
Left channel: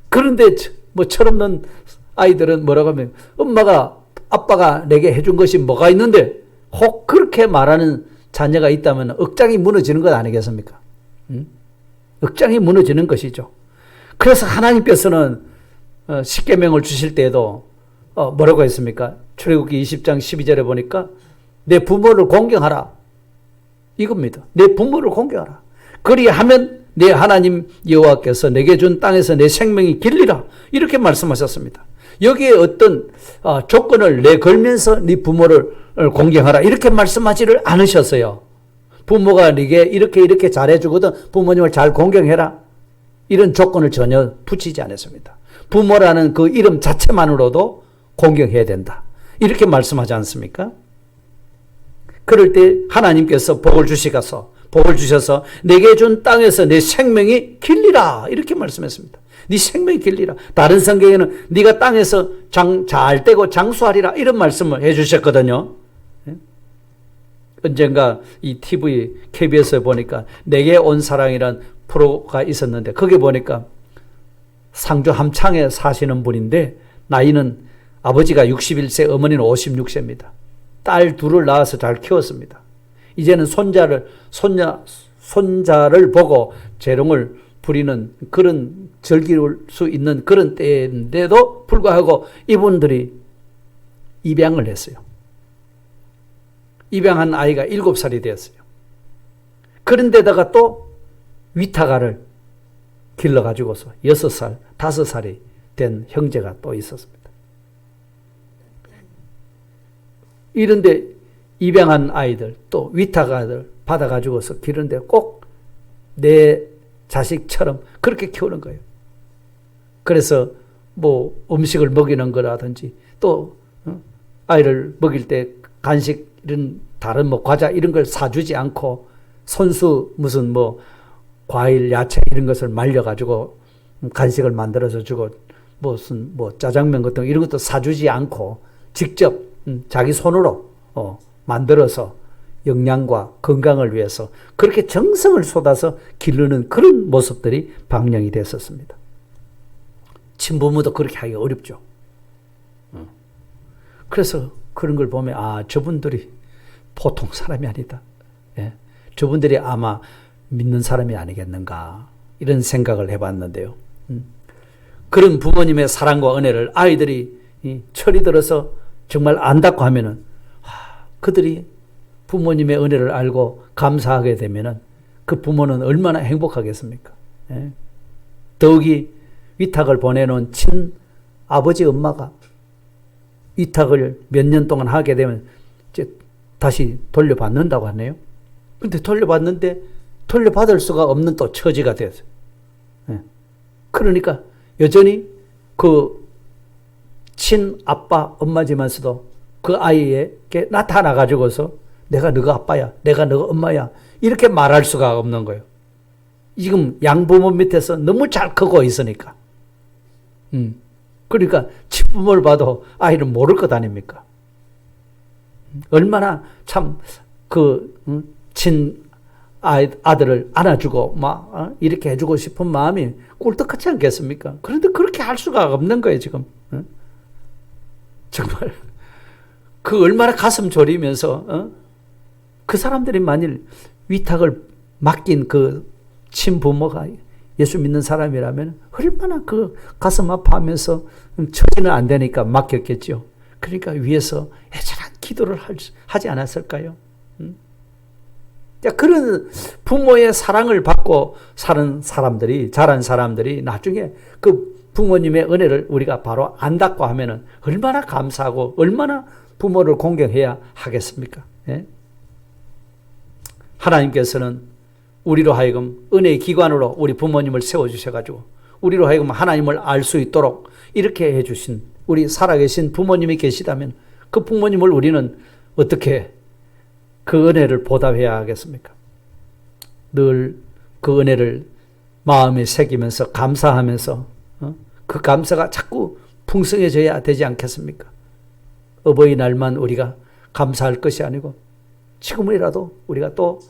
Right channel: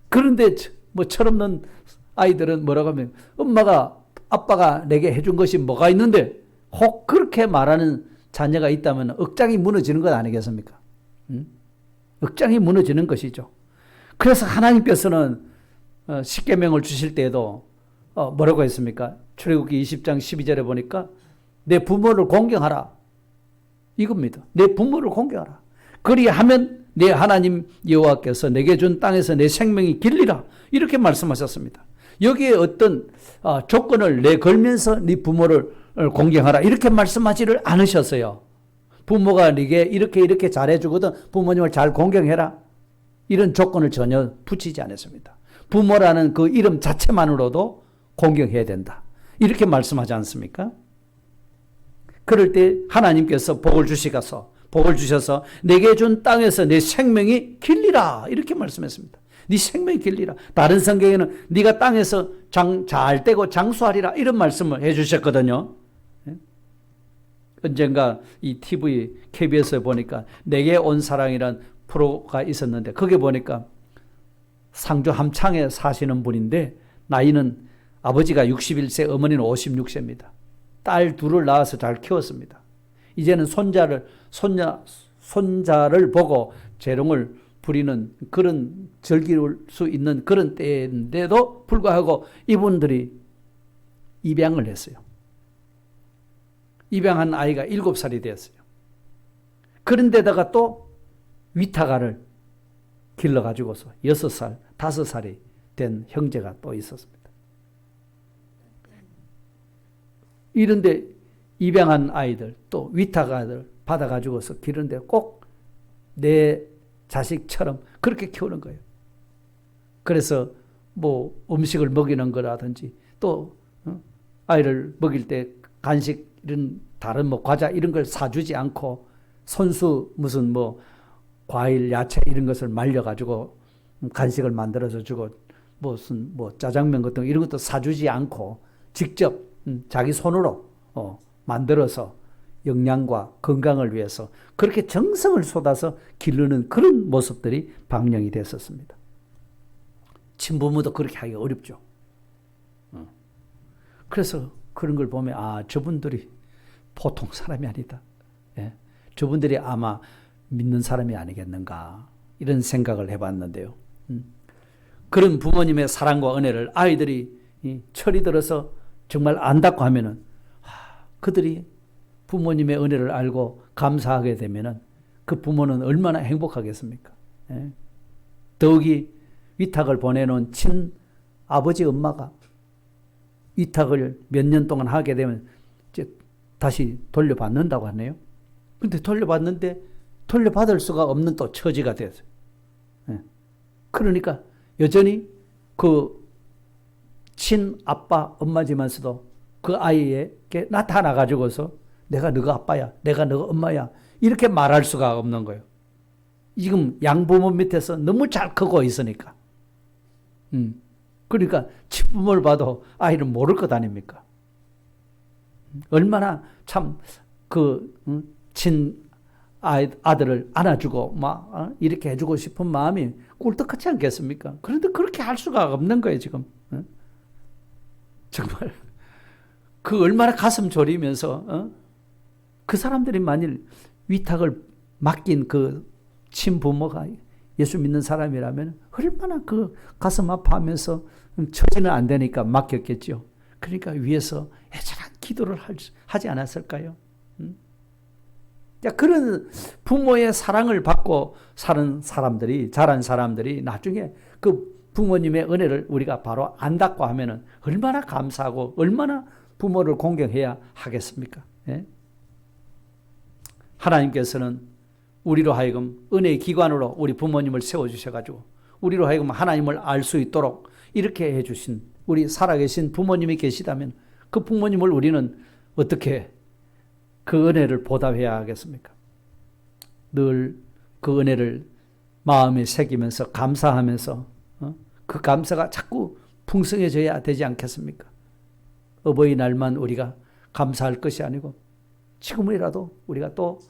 그런데 뭐 철없는 아이들은 뭐라고 하면 엄마가 아빠가 내게 해준 것이 뭐가 있는데 혹 그렇게 말하는 자녀가 있다면 억장이 무너지는 것 아니겠습니까? 억장이 무너지는 것이죠. 그래서 하나님께서는 십계명을 주실 때에도 뭐라고 했습니까? 출애굽기 20장 12절에 보니까 내 부모를 공경하라. 이겁니다. 내 부모를 공경하라. 그리하면 내 하나님 여호와께서 내게 준 땅에서 내 생명이 길리라. 이렇게 말씀하셨습니다. 여기에 어떤 조건을 내걸면서 네 부모를 공경하라. 이렇게 말씀하지를 않으셨어요. 부모가 네게 이렇게 잘해주거든 부모님을 잘 공경해라. 이런 조건을 전혀 붙이지 않았습니다. 부모라는 그 이름 자체만으로도 공경해야 된다. 이렇게 말씀하지 않습니까? 그럴 때 하나님께서 복을 주셔서 내게 준 땅에서 내 생명이 길리라. 이렇게 말씀했습니다. 네 생명이 길리라. 다른 성경에는 네가 땅에서 잘 되고 장수하리라. 이런 말씀을 해주셨거든요. 언젠가 이 TV, KBS에 보니까 내게 온 사랑이란 프로가 있었는데 거기 보니까 상주 함창에 사시는 분인데 나이는 아버지가 61세, 어머니는 56세입니다. 딸 둘을 낳아서 잘 키웠습니다. 이제는 손자를 보고 재롱을 부리는 그런 즐길 수 있는 그런 때인데도 불구하고 이분들이 입양을 했어요. 입양한 아이가 7살이 되었어요. 그런데다가 또 위타가를 길러가지고서 6살, 5살이 된 형제가 또 있었습니다. 이런데 입양한 아이들 또 위타가들 받아가지고서 기르는데 꼭 내 자식처럼 그렇게 키우는 거예요. 그래서 뭐 음식을 먹이는 거라든지 또 아이를 먹일 때 간식 이런 다른 뭐 과자 이런 걸 사주지 않고 손수 무슨 뭐 과일, 야채 이런 것을 말려가지고 간식을 만들어서 주고 무슨 뭐 짜장면 같은 이런 것도 사주지 않고 직접 자기 손으로 만들어서 영양과 건강을 위해서 그렇게 정성을 쏟아서 기르는 그런 모습들이 방영이 됐었습니다. 친부모도 그렇게 하기 어렵죠. 그래서 그런 걸 보면 저분들이 보통 사람이 아니다. 예. 저분들이 아마 믿는 사람이 아니겠는가 이런 생각을 해봤는데요. 그런 부모님의 사랑과 은혜를 아이들이 철이 들어서 정말 안다고 하면은 그들이 부모님의 은혜를 알고 감사하게 되면은 그 부모는 얼마나 행복하겠습니까? 예. 더욱이 위탁을 보내놓은 친아버지 엄마가 위탁을 몇 년 동안 하게 되면 이제 다시 돌려받는다고 하네요. 근데 돌려받는데 돌려받을 수가 없는 또 처지가 됐어요. 예. 그러니까 여전히 그 친아빠 엄마지만서도 그 아이에게 나타나가지고서 내가 너가 아빠야, 내가 너가 엄마야 이렇게 말할 수가 없는 거예요. 지금 양부모 밑에서 너무 잘 크고 있으니까. 그러니까 친부모를 봐도 아이는 모를 것 아닙니까? 얼마나 참 아들을 안아주고 막 이렇게 해주고 싶은 마음이 꿀떡하지 않겠습니까? 그런데 그렇게 할 수가 없는 거예요 지금. 정말 그 얼마나 가슴 졸이면서 그 사람들이 만일 위탁을 맡긴 그 친부모가 예수 믿는 사람이라면 얼마나 그 가슴 아파하면서 처지는 안 되니까 맡겼겠죠. 그러니까 위에서 애절한 기도를 하지 않았을까요? 자, 그런 부모의 사랑을 받고 사는 사람들이, 자란 사람들이 나중에 그 부모님의 은혜를 우리가 바로 안다고 하면은 얼마나 감사하고 얼마나 부모를 공경해야 하겠습니까? 예? 하나님께서는 우리로 하여금 은혜의 기관으로 우리 부모님을 세워주셔가지고 우리로 하여금 하나님을 알 수 있도록 이렇게 해주신 우리 살아계신 부모님이 계시다면 그 부모님을 우리는 어떻게 그 은혜를 보답해야 하겠습니까? 늘 그 은혜를 마음에 새기면서 감사하면서 그 감사가 자꾸 풍성해져야 되지 않겠습니까? 어버이날만 우리가 감사할 것이 아니고 지금이라도 우리가 또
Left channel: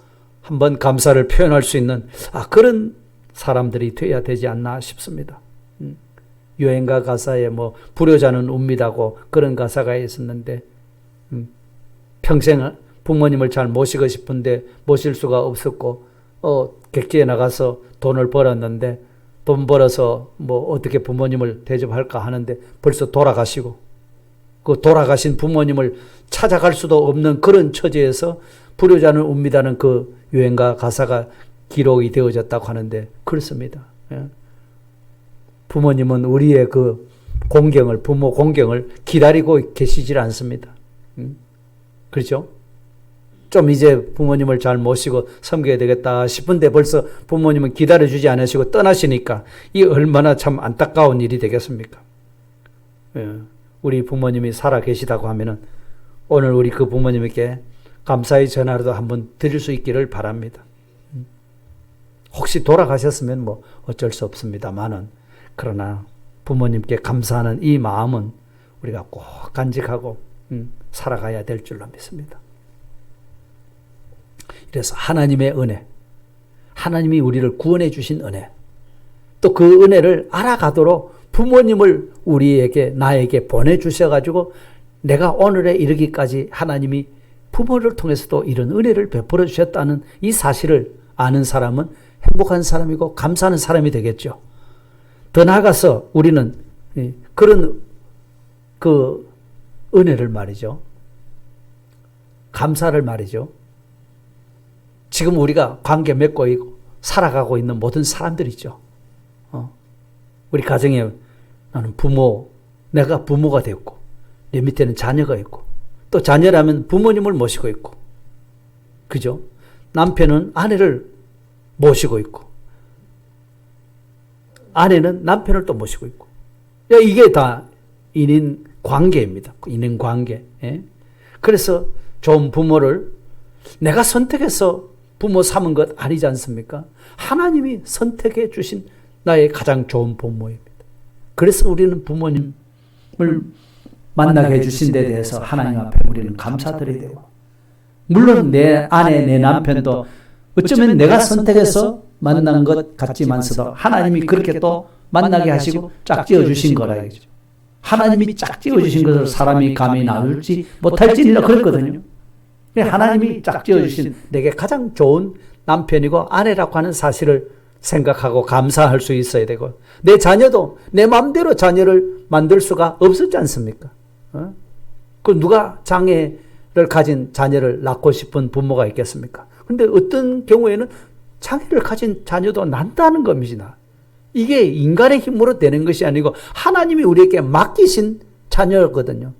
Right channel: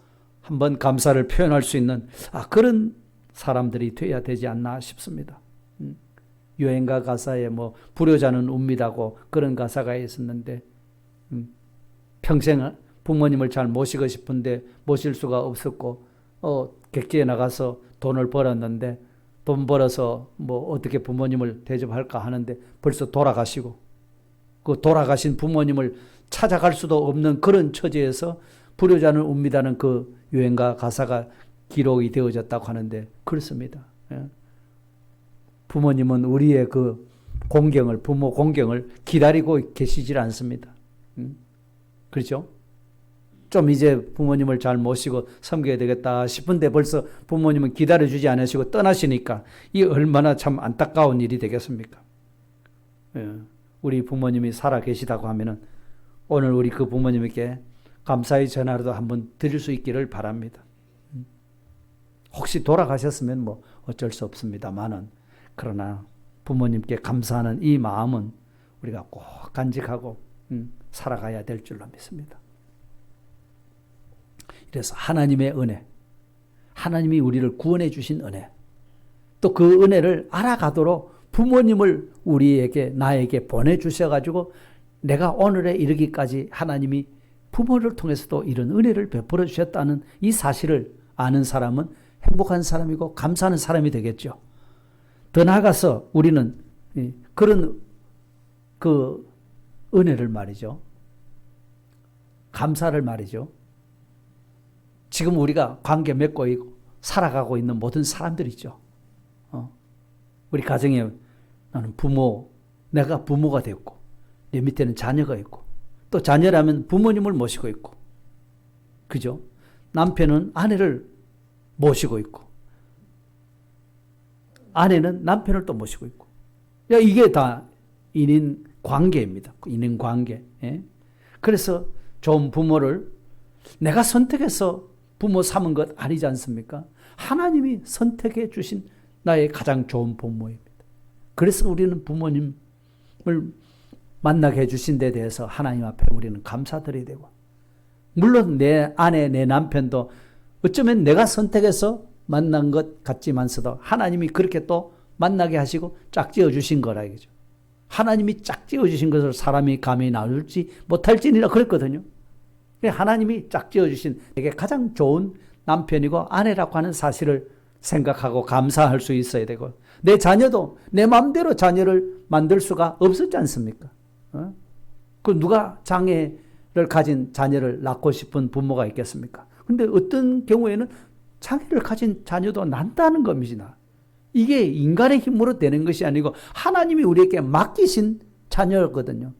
한번 감사를 표현할 수 있는 그런 사람들이 돼야 되지 않나 싶습니다. 유행가 가사에 뭐 불효자는 웁니다고 그런 가사가 있었는데 평생 부모님을 잘 모시고 싶은데 모실 수가 없었고 객지에 나가서 돈을 벌었는데 돈 벌어서 뭐 어떻게 부모님을 대접할까 하는데 벌써 돌아가시고 그 돌아가신 부모님을 찾아갈 수도 없는 그런 처지에서 불효자는 웁니다는 그 유행가 가사가 기록이 되어졌다고 하는데 그렇습니다. 부모님은 우리의 그 공경을, 부모 공경을 기다리고 계시질 않습니다. 그렇죠? 좀 이제 부모님을 잘 모시고 섬겨야 되겠다 싶은데 벌써 부모님은 기다려주지 않으시고 떠나시니까 이 얼마나 참 안타까운 일이 되겠습니까? 우리 부모님이 살아 계시다고 하면은 오늘 우리 그 부모님에게 감사의 전화라도 한번 드릴 수 있기를 바랍니다. 혹시 돌아가셨으면 뭐 어쩔 수 없습니다만은 그러나 부모님께 감사하는 이 마음은 우리가 꼭 간직하고 살아가야 될 줄로 믿습니다. 그래서 하나님의 은혜, 하나님이 우리를 구원해 주신 은혜, 또 그 은혜를 알아가도록 부모님을 우리에게, 나에게 보내주셔가지고 내가 오늘에 이르기까지 하나님이 부모를 통해서도 이런 은혜를 베풀어 주셨다는 이 사실을 아는 사람은 행복한 사람이고 감사하는 사람이 되겠죠. 더 나아가서 우리는 그런 그 은혜를 말이죠. 감사를 말이죠. 지금 우리가 관계 맺고 있고 살아가고 있는 모든 사람들이죠. 우리 가정에 나는 내가 부모가 되었고 내 밑에는 자녀가 있고 또 자녀라면 부모님을 모시고 있고 그죠? 남편은 아내를 모시고 있고 아내는 남편을 또 모시고 있고 이게 다 인인 관계입니다. 인인 관계. 그래서 좋은 부모를 내가 선택해서 부모 삼은 것 아니지 않습니까? 하나님이 선택해 주신 나의 가장 좋은 부모입니다. 그래서 우리는 부모님을 만나게 해주신 데 대해서 하나님 앞에 우리는 감사드려야 되고 물론 내 아내, 내 남편도 어쩌면 내가 선택해서 만난 것 같지만서도 하나님이 그렇게 또 만나게 하시고 짝지어 주신 거라 이거죠. 하나님이 짝지어 주신 것을 사람이 감히 나눌지 못할지 그랬거든요. 하나님이 짝지어 주신 내게 가장 좋은 남편이고 아내라고 하는 사실을 생각하고 감사할 수 있어야 되고 내 자녀도 내 마음대로 자녀를 만들 수가 없었지 않습니까? 그 누가 장애를 가진 자녀를 낳고 싶은 부모가 있겠습니까? 근데 어떤 경우에는 장애를 가진 자녀도 난다는 겁니다. 이게 인간의 힘으로 되는 것이 아니고 하나님이 우리에게 맡기신 자녀거든요.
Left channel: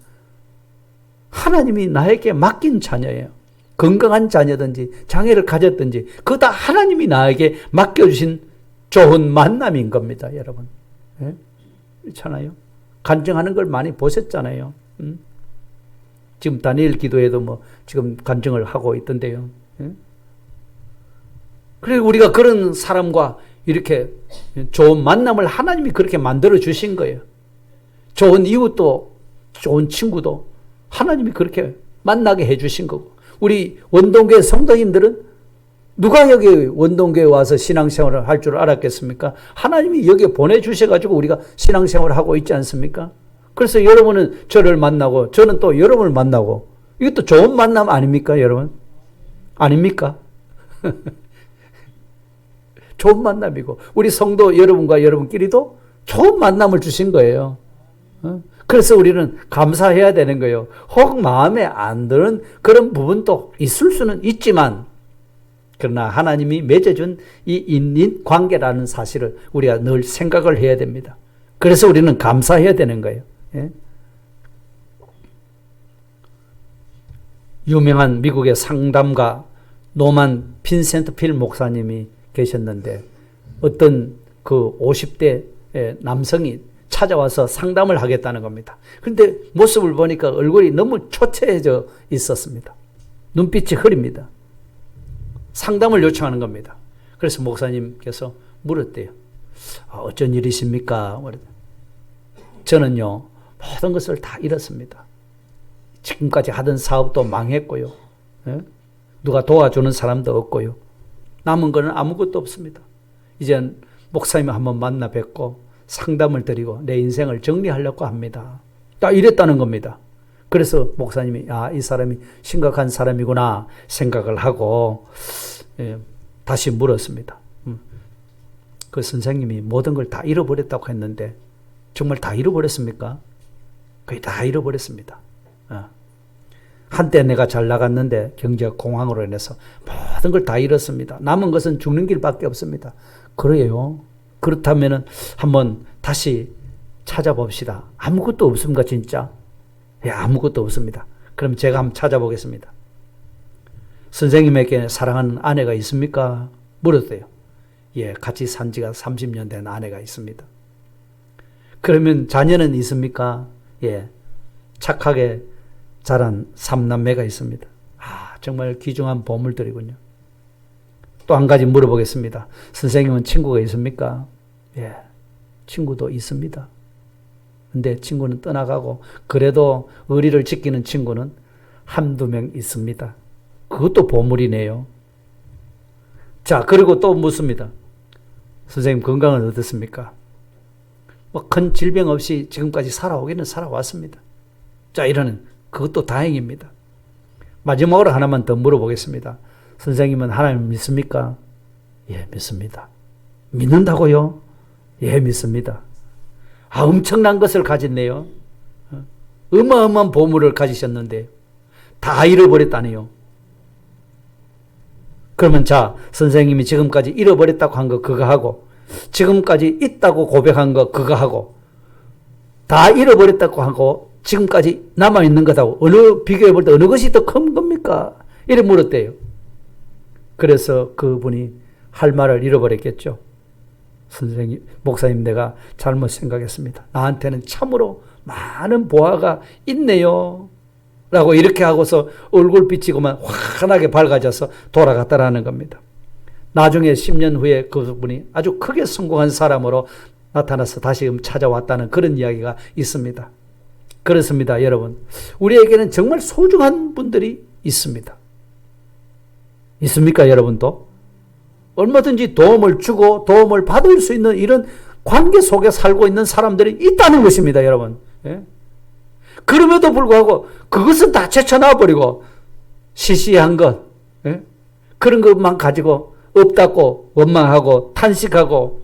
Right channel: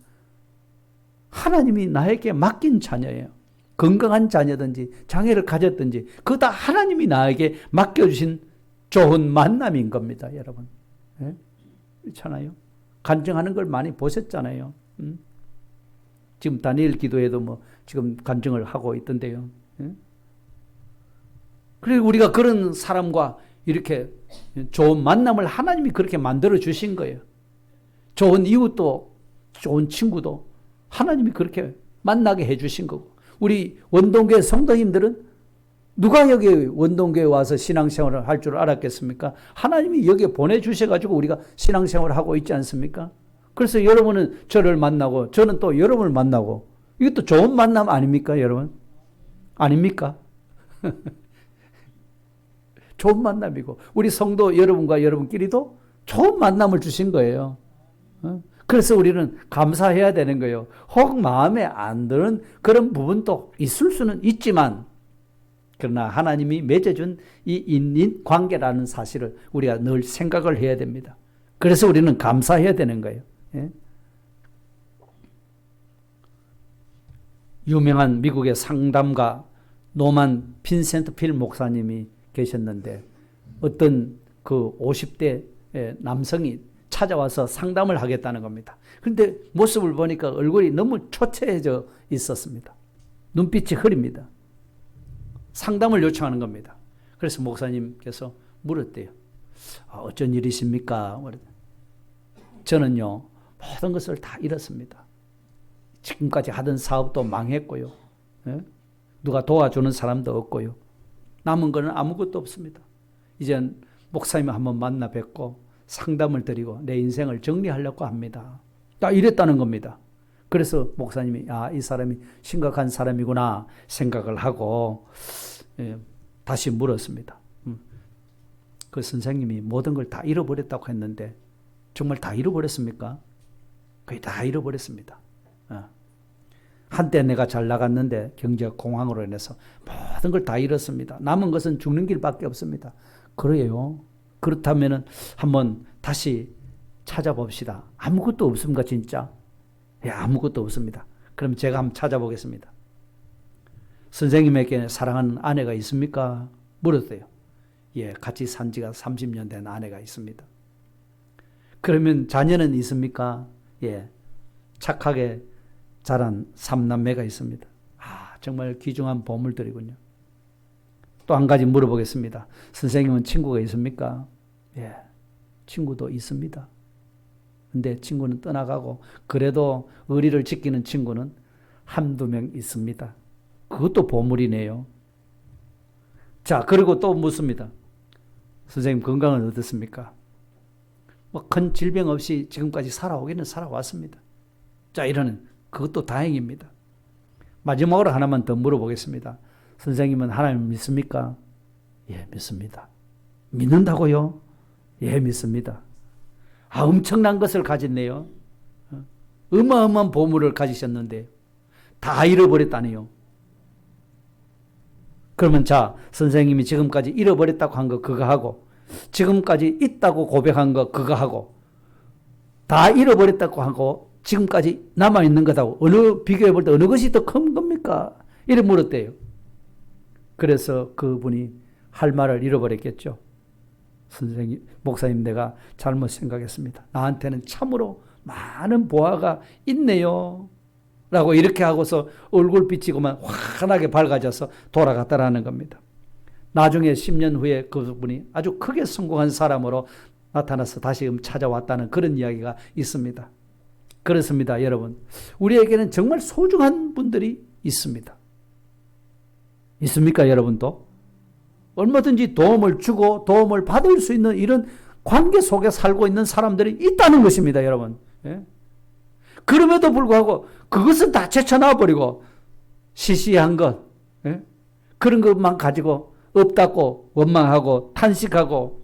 하나님이 나에게 맡긴 자녀예요. 건강한 자녀든지 장애를 가졌든지 그거 다 하나님이 나에게 맡겨주신 좋은 만남인 겁니다. 여러분. 그렇잖아요. 간증하는 걸 많이 보셨잖아요. 지금 다니엘 기도에도 뭐 지금 간증을 하고 있던데요. 그래서 우리가 그런 사람과 이렇게 좋은 만남을 하나님이 그렇게 만들어 주신 거예요. 좋은 이웃도 좋은 친구도 하나님이 그렇게 만나게 해 주신 거고 우리 원동교회 성도님들은 누가 여기 원동교회 와서 신앙생활을 할 줄 알았겠습니까? 하나님이 여기에 보내주셔가지고 우리가 신앙생활을 하고 있지 않습니까? 그래서 여러분은 저를 만나고 저는 또 여러분을 만나고 이것도 좋은 만남 아닙니까 여러분? 아닙니까? 좋은 만남이고 우리 성도 여러분과 여러분끼리도 좋은 만남을 주신 거예요. 그래서 우리는 감사해야 되는 거예요. 혹 마음에 안 드는 그런 부분도 있을 수는 있지만 그러나 하나님이 맺어준 이 인연 관계라는 사실을 우리가 늘 생각을 해야 됩니다. 그래서 우리는 감사해야 되는 거예요. 예? 유명한 미국의 상담가 노만 빈센트 필 목사님이 계셨는데 어떤 그 50대 남성이 찾아와서 상담을 하겠다는 겁니다. 그런데 모습을 보니까 얼굴이 너무 초췌해져 있었습니다. 눈빛이 흐립니다. 상담을 요청하는 겁니다. 그래서 목사님께서 물었대요. 어쩐 일이십니까? 저는요, 모든 것을 다 잃었습니다. 지금까지 하던 사업도 망했고요. 예? 누가 도와주는 사람도 없고요. 남은 거는 아무것도 없습니다. 이제 목사님 한번 만나 뵙고 상담을 드리고 내 인생을 정리하려고 합니다. 딱 이랬다는 겁니다. 그래서 목사님이 이 사람이 심각한 사람이구나 생각을 하고 다시 물었습니다. 그 선생님이 모든 걸 다 잃어버렸다고 했는데 정말 다 잃어버렸습니까? 거의 다 잃어버렸습니다. 한때 내가 잘 나갔는데 경제가 공황으로 인해서 모든 걸 다 잃었습니다. 남은 것은 죽는 길밖에 없습니다. 그래요. 그렇다면 한번 다시 찾아봅시다. 아무것도 없습니까 진짜? 아무것도 없습니다. 그럼 제가 한번 찾아보겠습니다. 선생님에게 사랑하는 아내가 있습니까? 물었대요. 같이 산 지가 30년 된 아내가 있습니다. 그러면 자녀는 있습니까? 착하게 자란 3남매가 있습니다. 정말 귀중한 보물들이군요. 또 한 가지 물어보겠습니다. 선생님은 친구가 있습니까? 친구도 있습니다. 근데 친구는 떠나가고 그래도 의리를 지키는 친구는 한두 명 있습니다. 그것도 보물이네요. 자, 그리고 또 묻습니다. 선생님 건강은 어떻습니까? 큰 질병 없이 지금까지 살아오기는 살아왔습니다. 자, 이러는 그것도 다행입니다. 마지막으로 하나만 더 물어보겠습니다. 선생님은 하나님 믿습니까? 믿습니다. 믿는다고요? 믿습니다. 엄청난 것을 가졌네요. 어마어마한 보물을 가지셨는데 다 잃어버렸다네요. 그러면 자, 선생님이 지금까지 잃어버렸다고 한 거 그거 하고 지금까지 있다고 고백한 거 그거 하고 다 잃어버렸다고 하고 지금까지 남아있는 것하고 어느 비교해 볼 때 어느 것이 더 큰 겁니까? 이래 물었대요. 그래서 그분이 할 말을 잃어버렸겠죠. 선생님, 목사님 내가 잘못 생각했습니다. 나한테는 참으로 많은 보화가 있네요. 라고 이렇게 하고서 얼굴 비치고만 환하게 밝아져서 돌아갔다라는 겁니다. 나중에 10년 후에 그분이 아주 크게 성공한 사람으로 나타나서 다시 찾아왔다는 그런 이야기가 있습니다. 그렇습니다, 여러분. 우리에게는 정말 소중한 분들이 있습니다. 있습니까, 여러분도? 얼마든지 도움을 주고 도움을 받을 수 있는 이런 관계 속에 살고 있는 사람들이 있다는 것입니다, 여러분. 그럼에도 불구하고 그것은 다 제쳐놔버리고 시시한 것, 그런 것만 가지고 없다고 원망하고 탄식하고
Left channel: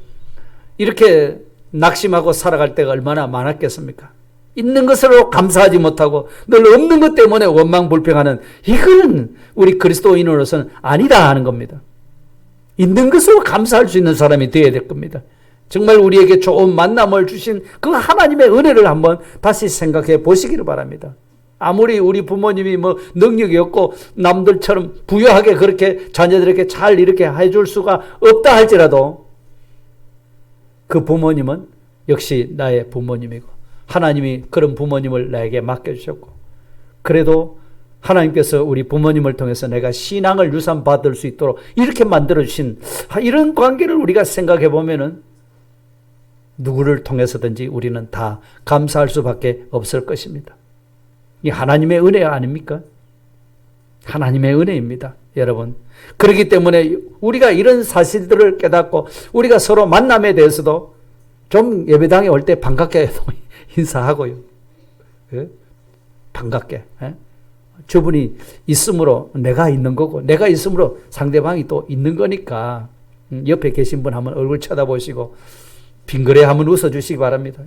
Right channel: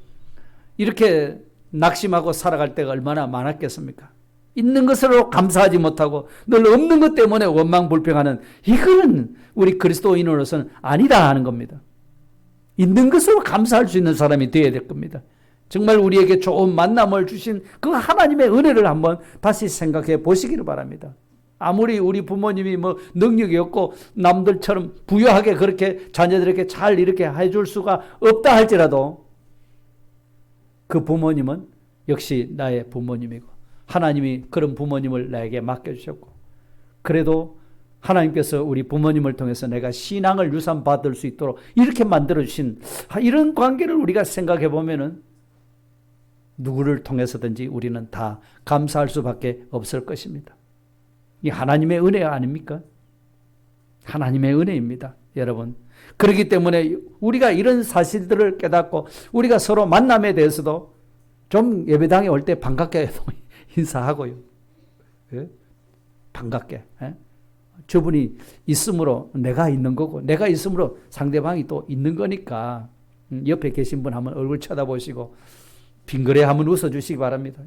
이렇게 낙심하고 살아갈 때가 얼마나 많았겠습니까? 있는 것으로 감사하지 못하고 늘 없는 것 때문에 원망 불평하는 이거는 우리 그리스도인으로서는 아니다 하는 겁니다. 있는 것으로 감사할 수 있는 사람이 되어야 될 겁니다. 정말 우리에게 좋은 만남을 주신 그 하나님의 은혜를 한번 다시 생각해 보시기를 바랍니다. 아무리 우리 부모님이 능력이 없고 남들처럼 부유하게 그렇게 자녀들에게 잘 이렇게 해줄 수가 없다 할지라도 그 부모님은 역시 나의 부모님이고 하나님이 그런 부모님을 나에게 맡겨주셨고 그래도 하나님께서 우리 부모님을 통해서 내가 신앙을 유산받을 수 있도록 이렇게 만들어주신 이런 관계를 우리가 생각해 보면은 누구를 통해서든지 우리는 다 감사할 수밖에 없을 것입니다. 이 하나님의 은혜 아닙니까? 하나님의 은혜입니다, 여러분. 그렇기 때문에 우리가 이런 사실들을 깨닫고 우리가 서로 만남에 대해서도 좀 예배당에 올 때 반갑게 인사하고요. 반갑게. 저분이 있으므로 내가 있는 거고 내가 있으므로 상대방이 또 있는 거니까 옆에 계신 분 한번 얼굴 쳐다보시고 빙그레 한번 웃어주시기 바랍니다.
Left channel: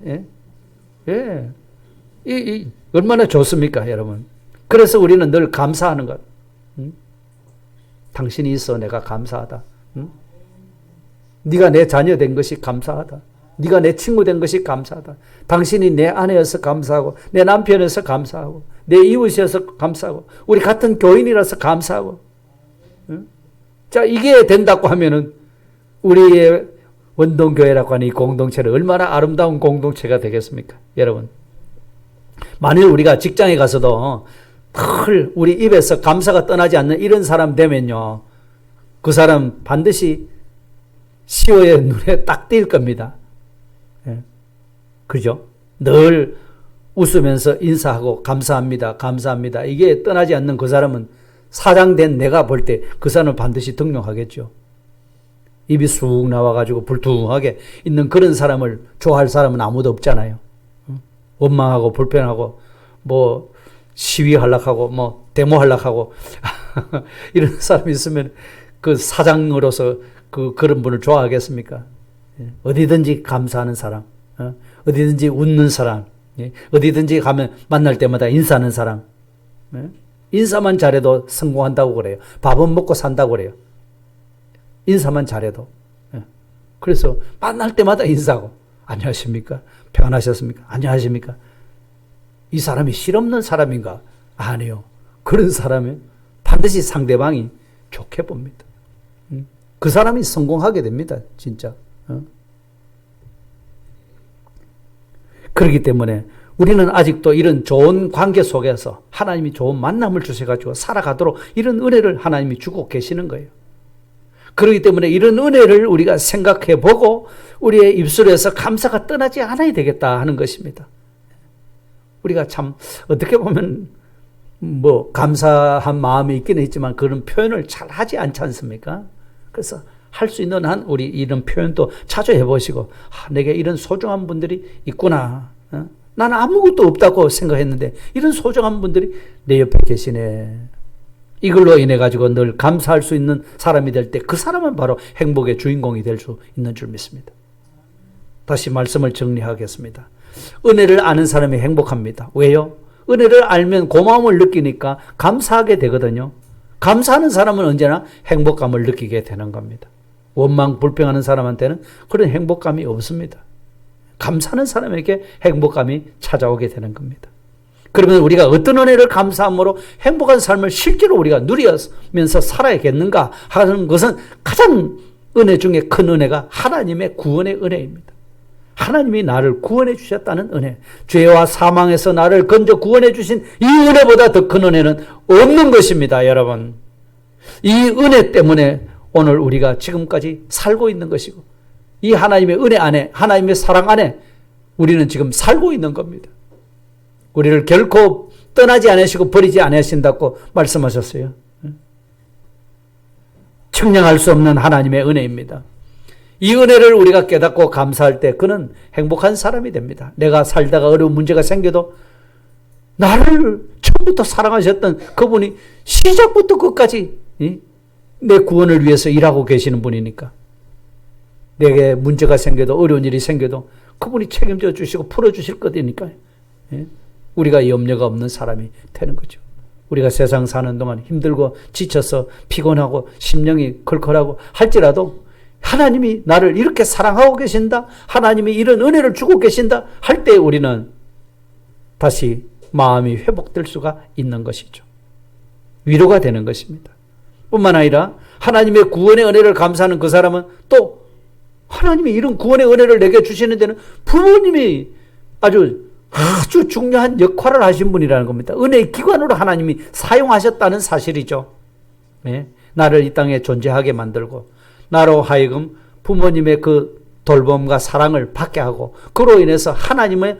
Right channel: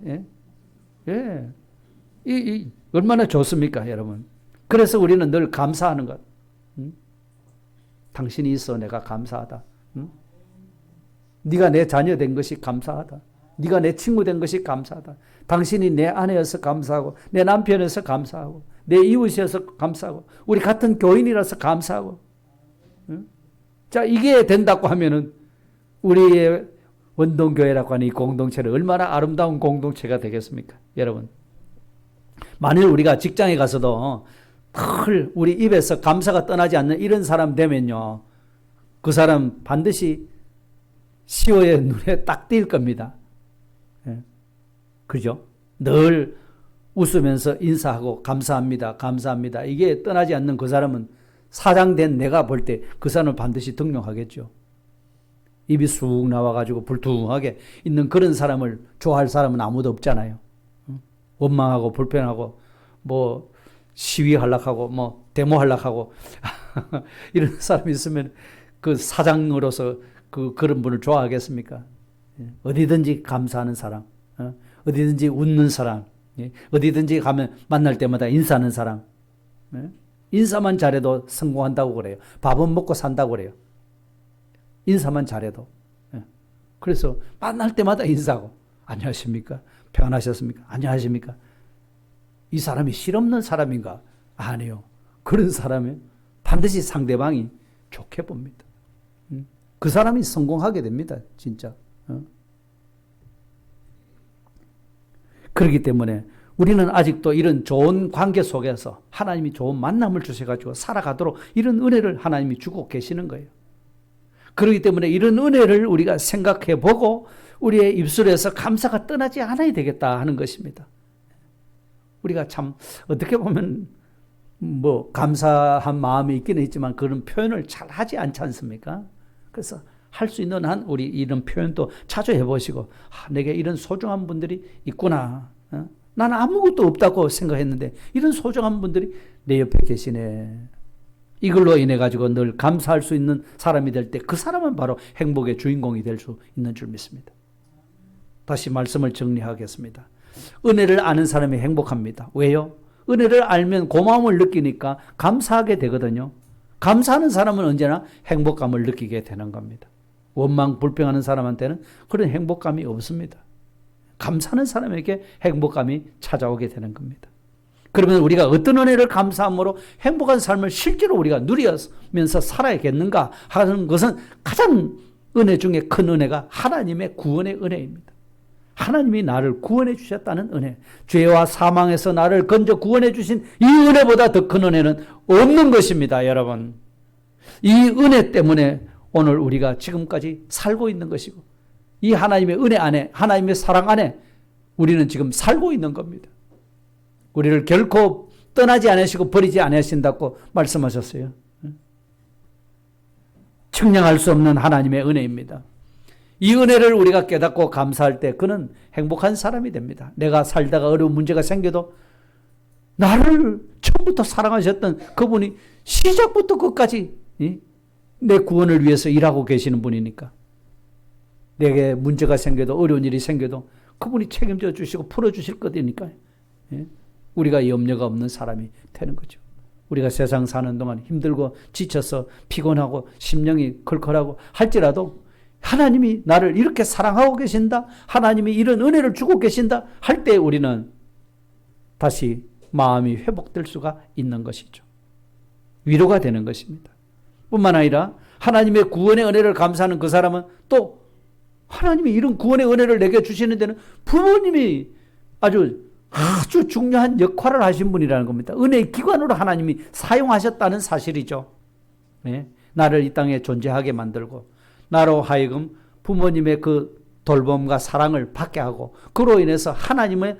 얼마나 좋습니까, 여러분? 그래서 우리는 늘 감사하는 것. 당신이 있어 내가 감사하다. 응? 네가 내 자녀 된 것이 감사하다. 네가 내 친구 된 것이 감사하다. 당신이 내 아내여서 감사하고 내 남편이어서 감사하고 내 이웃이어서 감사하고 우리 같은 교인이라서 감사하고. 응? 자, 이게 된다고 하면은 우리의 원동교회라고 하는 이 공동체는 얼마나 아름다운 공동체가 되겠습니까? 여러분, 만일 우리가 직장에 가서도 늘 우리 입에서 감사가 떠나지 않는 이런 사람 되면요, 그 사람 반드시 CEO의 눈에 딱 띌 겁니다. 예. 그죠? 늘 웃으면서 인사하고 감사합니다, 감사합니다. 이게 떠나지 않는 그 사람은 사장된 내가 볼 때 그 사람을 반드시 등용하겠죠. 입이 쑥 나와가지고 불투하게 있는 그런 사람을 좋아할 사람은 아무도 없잖아요. 원망하고 불편하고 뭐 시위하려고 뭐 데모하려고 이런 사람이 있으면 그 사장으로서 그런 분을 좋아하겠습니까? 어디든지 감사하는 사람, 어디든지 웃는 사람, 어디든지 가면 만날 때마다 인사하는 사람. 인사만 잘해도 성공한다고 그래요. 밥은 먹고 산다고 그래요. 인사만 잘해도. 그래서 만날 때마다 인사하고 안녕하십니까? 평안하셨습니까? 안녕하십니까? 이 사람이 실없는 사람인가? 아니요. 그런 사람은 반드시 상대방이 좋게 봅니다. 그 사람이 성공하게 됩니다. 진짜. 그렇기 때문에 우리는 아직도 이런 좋은 관계 속에서 하나님이 좋은 만남을 주셔가지고 살아가도록 이런 은혜를 하나님이 주고 계시는 거예요. 그렇기 때문에 이런 은혜를 우리가 생각해 보고 우리의 입술에서 감사가 떠나지 않아야 되겠다 하는 것입니다. 우리가 참 어떻게 보면 뭐 감사한 마음이 있기는 있지만 그런 표현을 잘 하지 않지 않습니까? 그래서 할 수 있는 한 우리 이런 표현도 자주 해보시고 내게 이런 소중한 분들이 있구나. 난 아무것도 없다고 생각했는데 이런 소중한 분들이 내 옆에 계시네. 이걸로 인해 가지고 늘 감사할 수 있는 사람이 될 때 그 사람은 바로 행복의 주인공이 될 수 있는 줄 믿습니다. 다시 말씀을 정리하겠습니다. 은혜를 아는 사람이 행복합니다. 왜요? 은혜를 알면 고마움을 느끼니까 감사하게 되거든요. 감사하는 사람은 언제나 행복감을 느끼게 되는 겁니다. 원망 불평하는 사람한테는 그런 행복감이 없습니다. 감사하는 사람에게 행복감이 찾아오게 되는 겁니다. 그러면 우리가 어떤 은혜를 감사함으로 행복한 삶을 실제로 우리가 누리면서 살아야겠는가 하는 것은 가장 은혜 중에 큰 은혜가 하나님의 구원의 은혜입니다. 하나님이 나를 구원해 주셨다는 은혜, 죄와 사망에서 나를 건져 구원해 주신 이 은혜보다 더 큰 은혜는 없는 것입니다. 여러분, 이 은혜 때문에 오늘 우리가 지금까지 살고 있는 것이고 이 하나님의 은혜 안에, 하나님의 사랑 안에 우리는 지금 살고 있는 겁니다. 우리를 결코 떠나지 않으시고 버리지 않으신다고 말씀하셨어요. 측량할 수 없는 하나님의 은혜입니다. 이 은혜를 우리가 깨닫고 감사할 때 그는 행복한 사람이 됩니다. 내가 살다가 어려운 문제가 생겨도 나를 처음부터 사랑하셨던 그분이 시작부터 끝까지 내 구원을 위해서 일하고 계시는 분이니까 내게 문제가 생겨도 어려운 일이 생겨도 그분이 책임져 주시고 풀어주실 거니까요. 우리가 염려가 없는 사람이 되는 거죠. 우리가 세상 사는 동안 힘들고 지쳐서 피곤하고 심령이 걸걸하고 할지라도 하나님이 나를 이렇게 사랑하고 계신다, 하나님이 이런 은혜를 주고 계신다 할 때 우리는 다시 마음이 회복될 수가 있는 것이죠. 위로가 되는 것입니다. 뿐만 아니라 하나님의 구원의 은혜를 감사하는 그 사람은 또 하나님이 이런 구원의 은혜를 내게 주시는 데는 부모님이 아주 중요한 역할을 하신 분이라는 겁니다. 은혜의 기관으로 하나님이 사용하셨다는 사실이죠. 네? 나를 이 땅에 존재하게 만들고 나로 하여금 부모님의 그 돌봄과 사랑을 받게 하고 그로 인해서 하나님을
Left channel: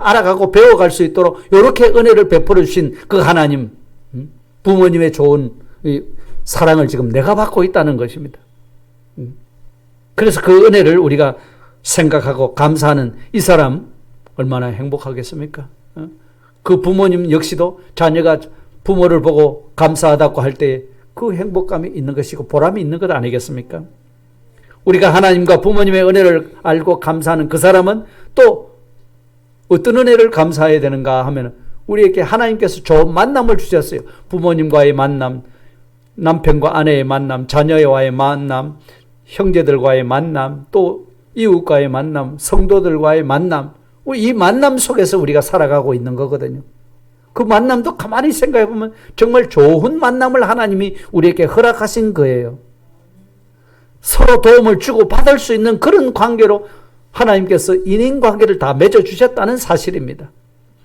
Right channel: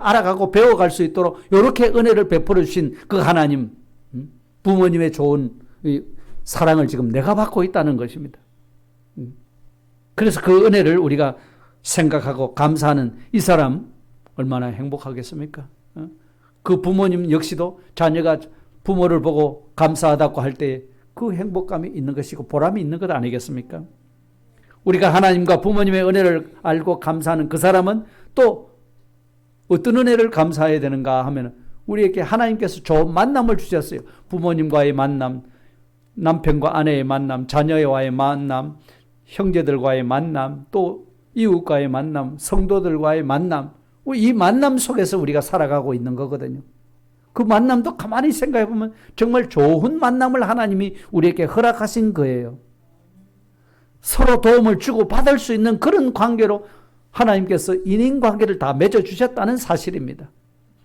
알아가고 배워갈 수 있도록 이렇게 은혜를 베풀어 주신 그 하나님, 부모님의 좋은 사랑을 지금 내가 받고 있다는 것입니다. 그래서 그 은혜를 우리가 생각하고 감사하는 이 사람 얼마나 행복하겠습니까? 그 부모님 역시도 자녀가 부모를 보고 감사하다고 할 때 그 행복감이 있는 것이고 보람이 있는 것 아니겠습니까? 우리가 하나님과 부모님의 은혜를 알고 감사하는 그 사람은 또 어떤 은혜를 감사해야 되는가 하면 우리에게 하나님께서 좋은 만남을 주셨어요. 부모님과의 만남, 남편과 아내의 만남, 자녀와의 만남, 형제들과의 만남, 또 이웃과의 만남, 성도들과의 만남, 이 만남 속에서 우리가 살아가고 있는 거거든요. 그 만남도 가만히 생각해 보면 정말 좋은 만남을 하나님이 우리에게 허락하신 거예요. 서로 도움을 주고 받을 수 있는 그런 관계로 하나님께서 인인관계를 다 맺어주셨다는 사실입니다.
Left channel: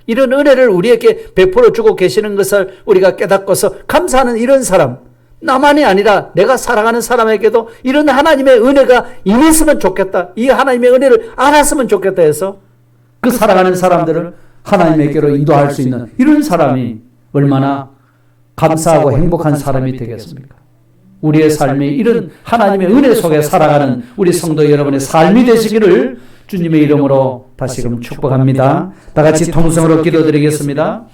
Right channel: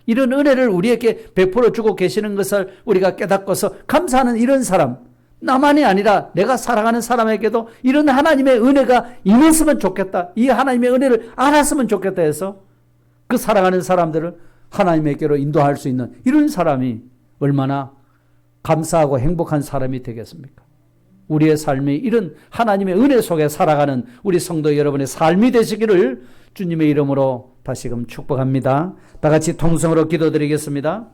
이런 은혜를 우리에게 베풀어 주고 계시는 것을 우리가 깨닫고서 감사하는 이런 사람, 나만이 아니라 내가 사랑하는 사람에게도 이런 하나님의 은혜가 임했으면 좋겠다, 이 하나님의 은혜를 알았으면 좋겠다 해서 그 사랑하는 사람들을 하나님에게로 인도할 수 있는 이런 사람이 얼마나 감사하고 행복한 사람이 되겠습니까? 우리의 삶이 이런 하나님의 은혜 속에 살아가는 우리 성도 여러분의 삶이 되시기를 주님의 이름으로 다시금 축복합니다. 다 같이 통성으로 기도드리겠습니다.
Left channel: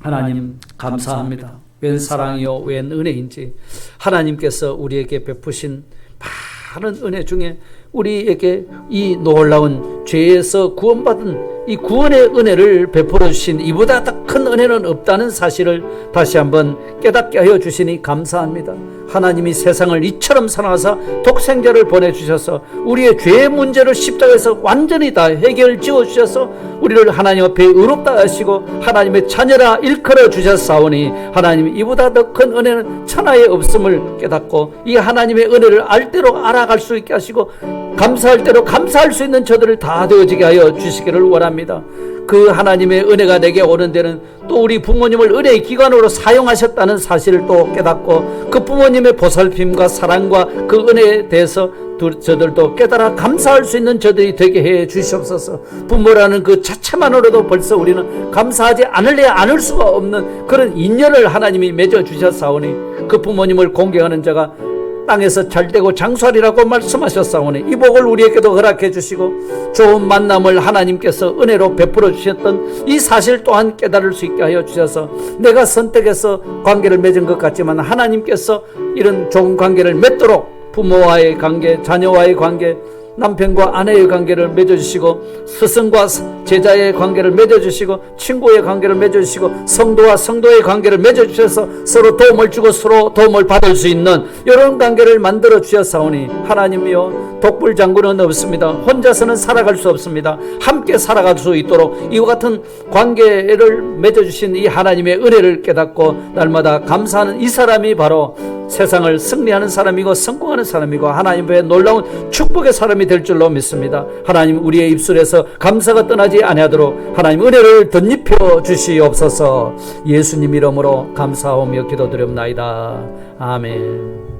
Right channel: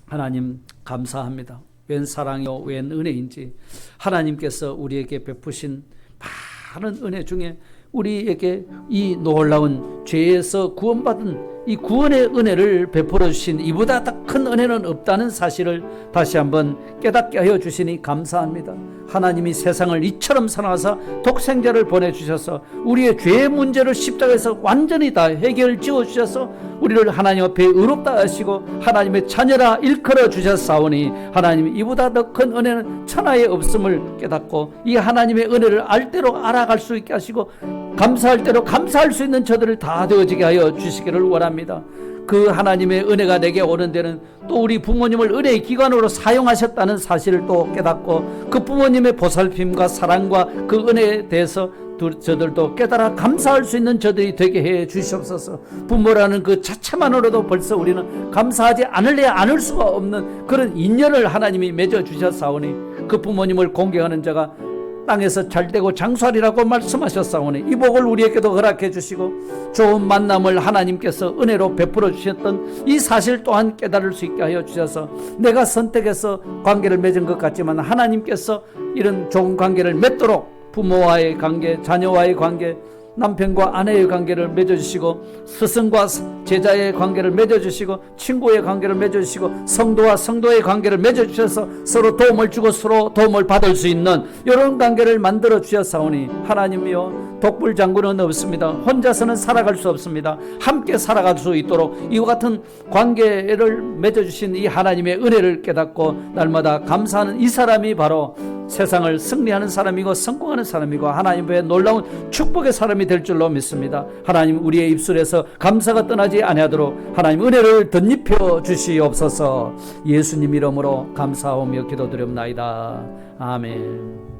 하나님 감사합니다. 웬 사랑이요 웬 은혜인지 하나님께서 우리에게 베푸신 많은 은혜 중에 우리에게 이 놀라운 죄에서 구원받은 이 구원의 은혜를 베풀어 주신 이보다 더 큰 은혜는 없다는 사실을 다시 한번 깨닫게 하여 주시니 감사합니다. 하나님이 세상을 이처럼 사랑하사 독생자를 보내주셔서 우리의 죄의 문제를 십자가에서 완전히 다 해결 지어 주셔서 우리를 하나님 앞에 의롭다 하시고 하나님의 자녀라 일컬어 주셨사오니 하나님 이보다 더 큰 은혜는 천하에 없음을 깨닫고 이 하나님의 은혜를 알대로 알아갈 수 있게 하시고 감사할 대로 감사할 수 있는 저들을 다 되어지게 하여 주시기를 원합니다. 그 하나님의 은혜가 내게 오는 데는 또 우리 부모님을 은혜의 기관으로 사용하셨다는 사실을 또 깨닫고 그 부모님의 보살핌과 사랑과 그 은혜에 대해서 저들도 깨달아 감사할 수 있는 저들이 되게 해 주시옵소서. 부모라는 그 자체만으로도 벌써 우리는 감사하지 않을래야 않을 수가 없는 그런 인연을 하나님이 맺어 주셨사오니 그 부모님을 공경하는 자가 땅에서 잘되고 장수하리라고 말씀하셨사오니 이 복을 우리에게도 허락해 주시고 좋은 만남을 하나님께서 은혜로 베풀어 주셨던 이 사실 또한 깨달을 수 있게 하여 주셔서 내가 선택해서 관계를 맺은 것 같지만 하나님께서 이런 좋은 관계를 맺도록 부모와의 관계, 자녀와의 관계, 남편과 아내의 관계를 맺어주시고 스승과 제자의 관계를 맺어주시고 친구의 관계를 맺어주시고 성도와 성도의 관계를 맺어주셔서 서로 도움을 주고 서로 도움을 받을 수 있는 이런 관계를 만들어 주셨사오니 하나님이여 독불장군은 없습니다. 혼자서는 살아갈 수 없습니다. 함께 살아갈 수 있도록 이와 같은 관계를 맺어주신 이 하나님의 은혜를 깨닫고 날마다 감사하는 이 사람이 바로 세상을 승리하는 사람이고 성공하는 사람이고 하나님의 놀라운 축복의 사람이 될 줄로 믿습니다. 하나님 우리의 입술에서 감사가 떠나지 아니하도록 하나님 은혜를 덧입혀 주시옵소서. 예수님 이름으로 감사하며 기도드립나이다. 아멘.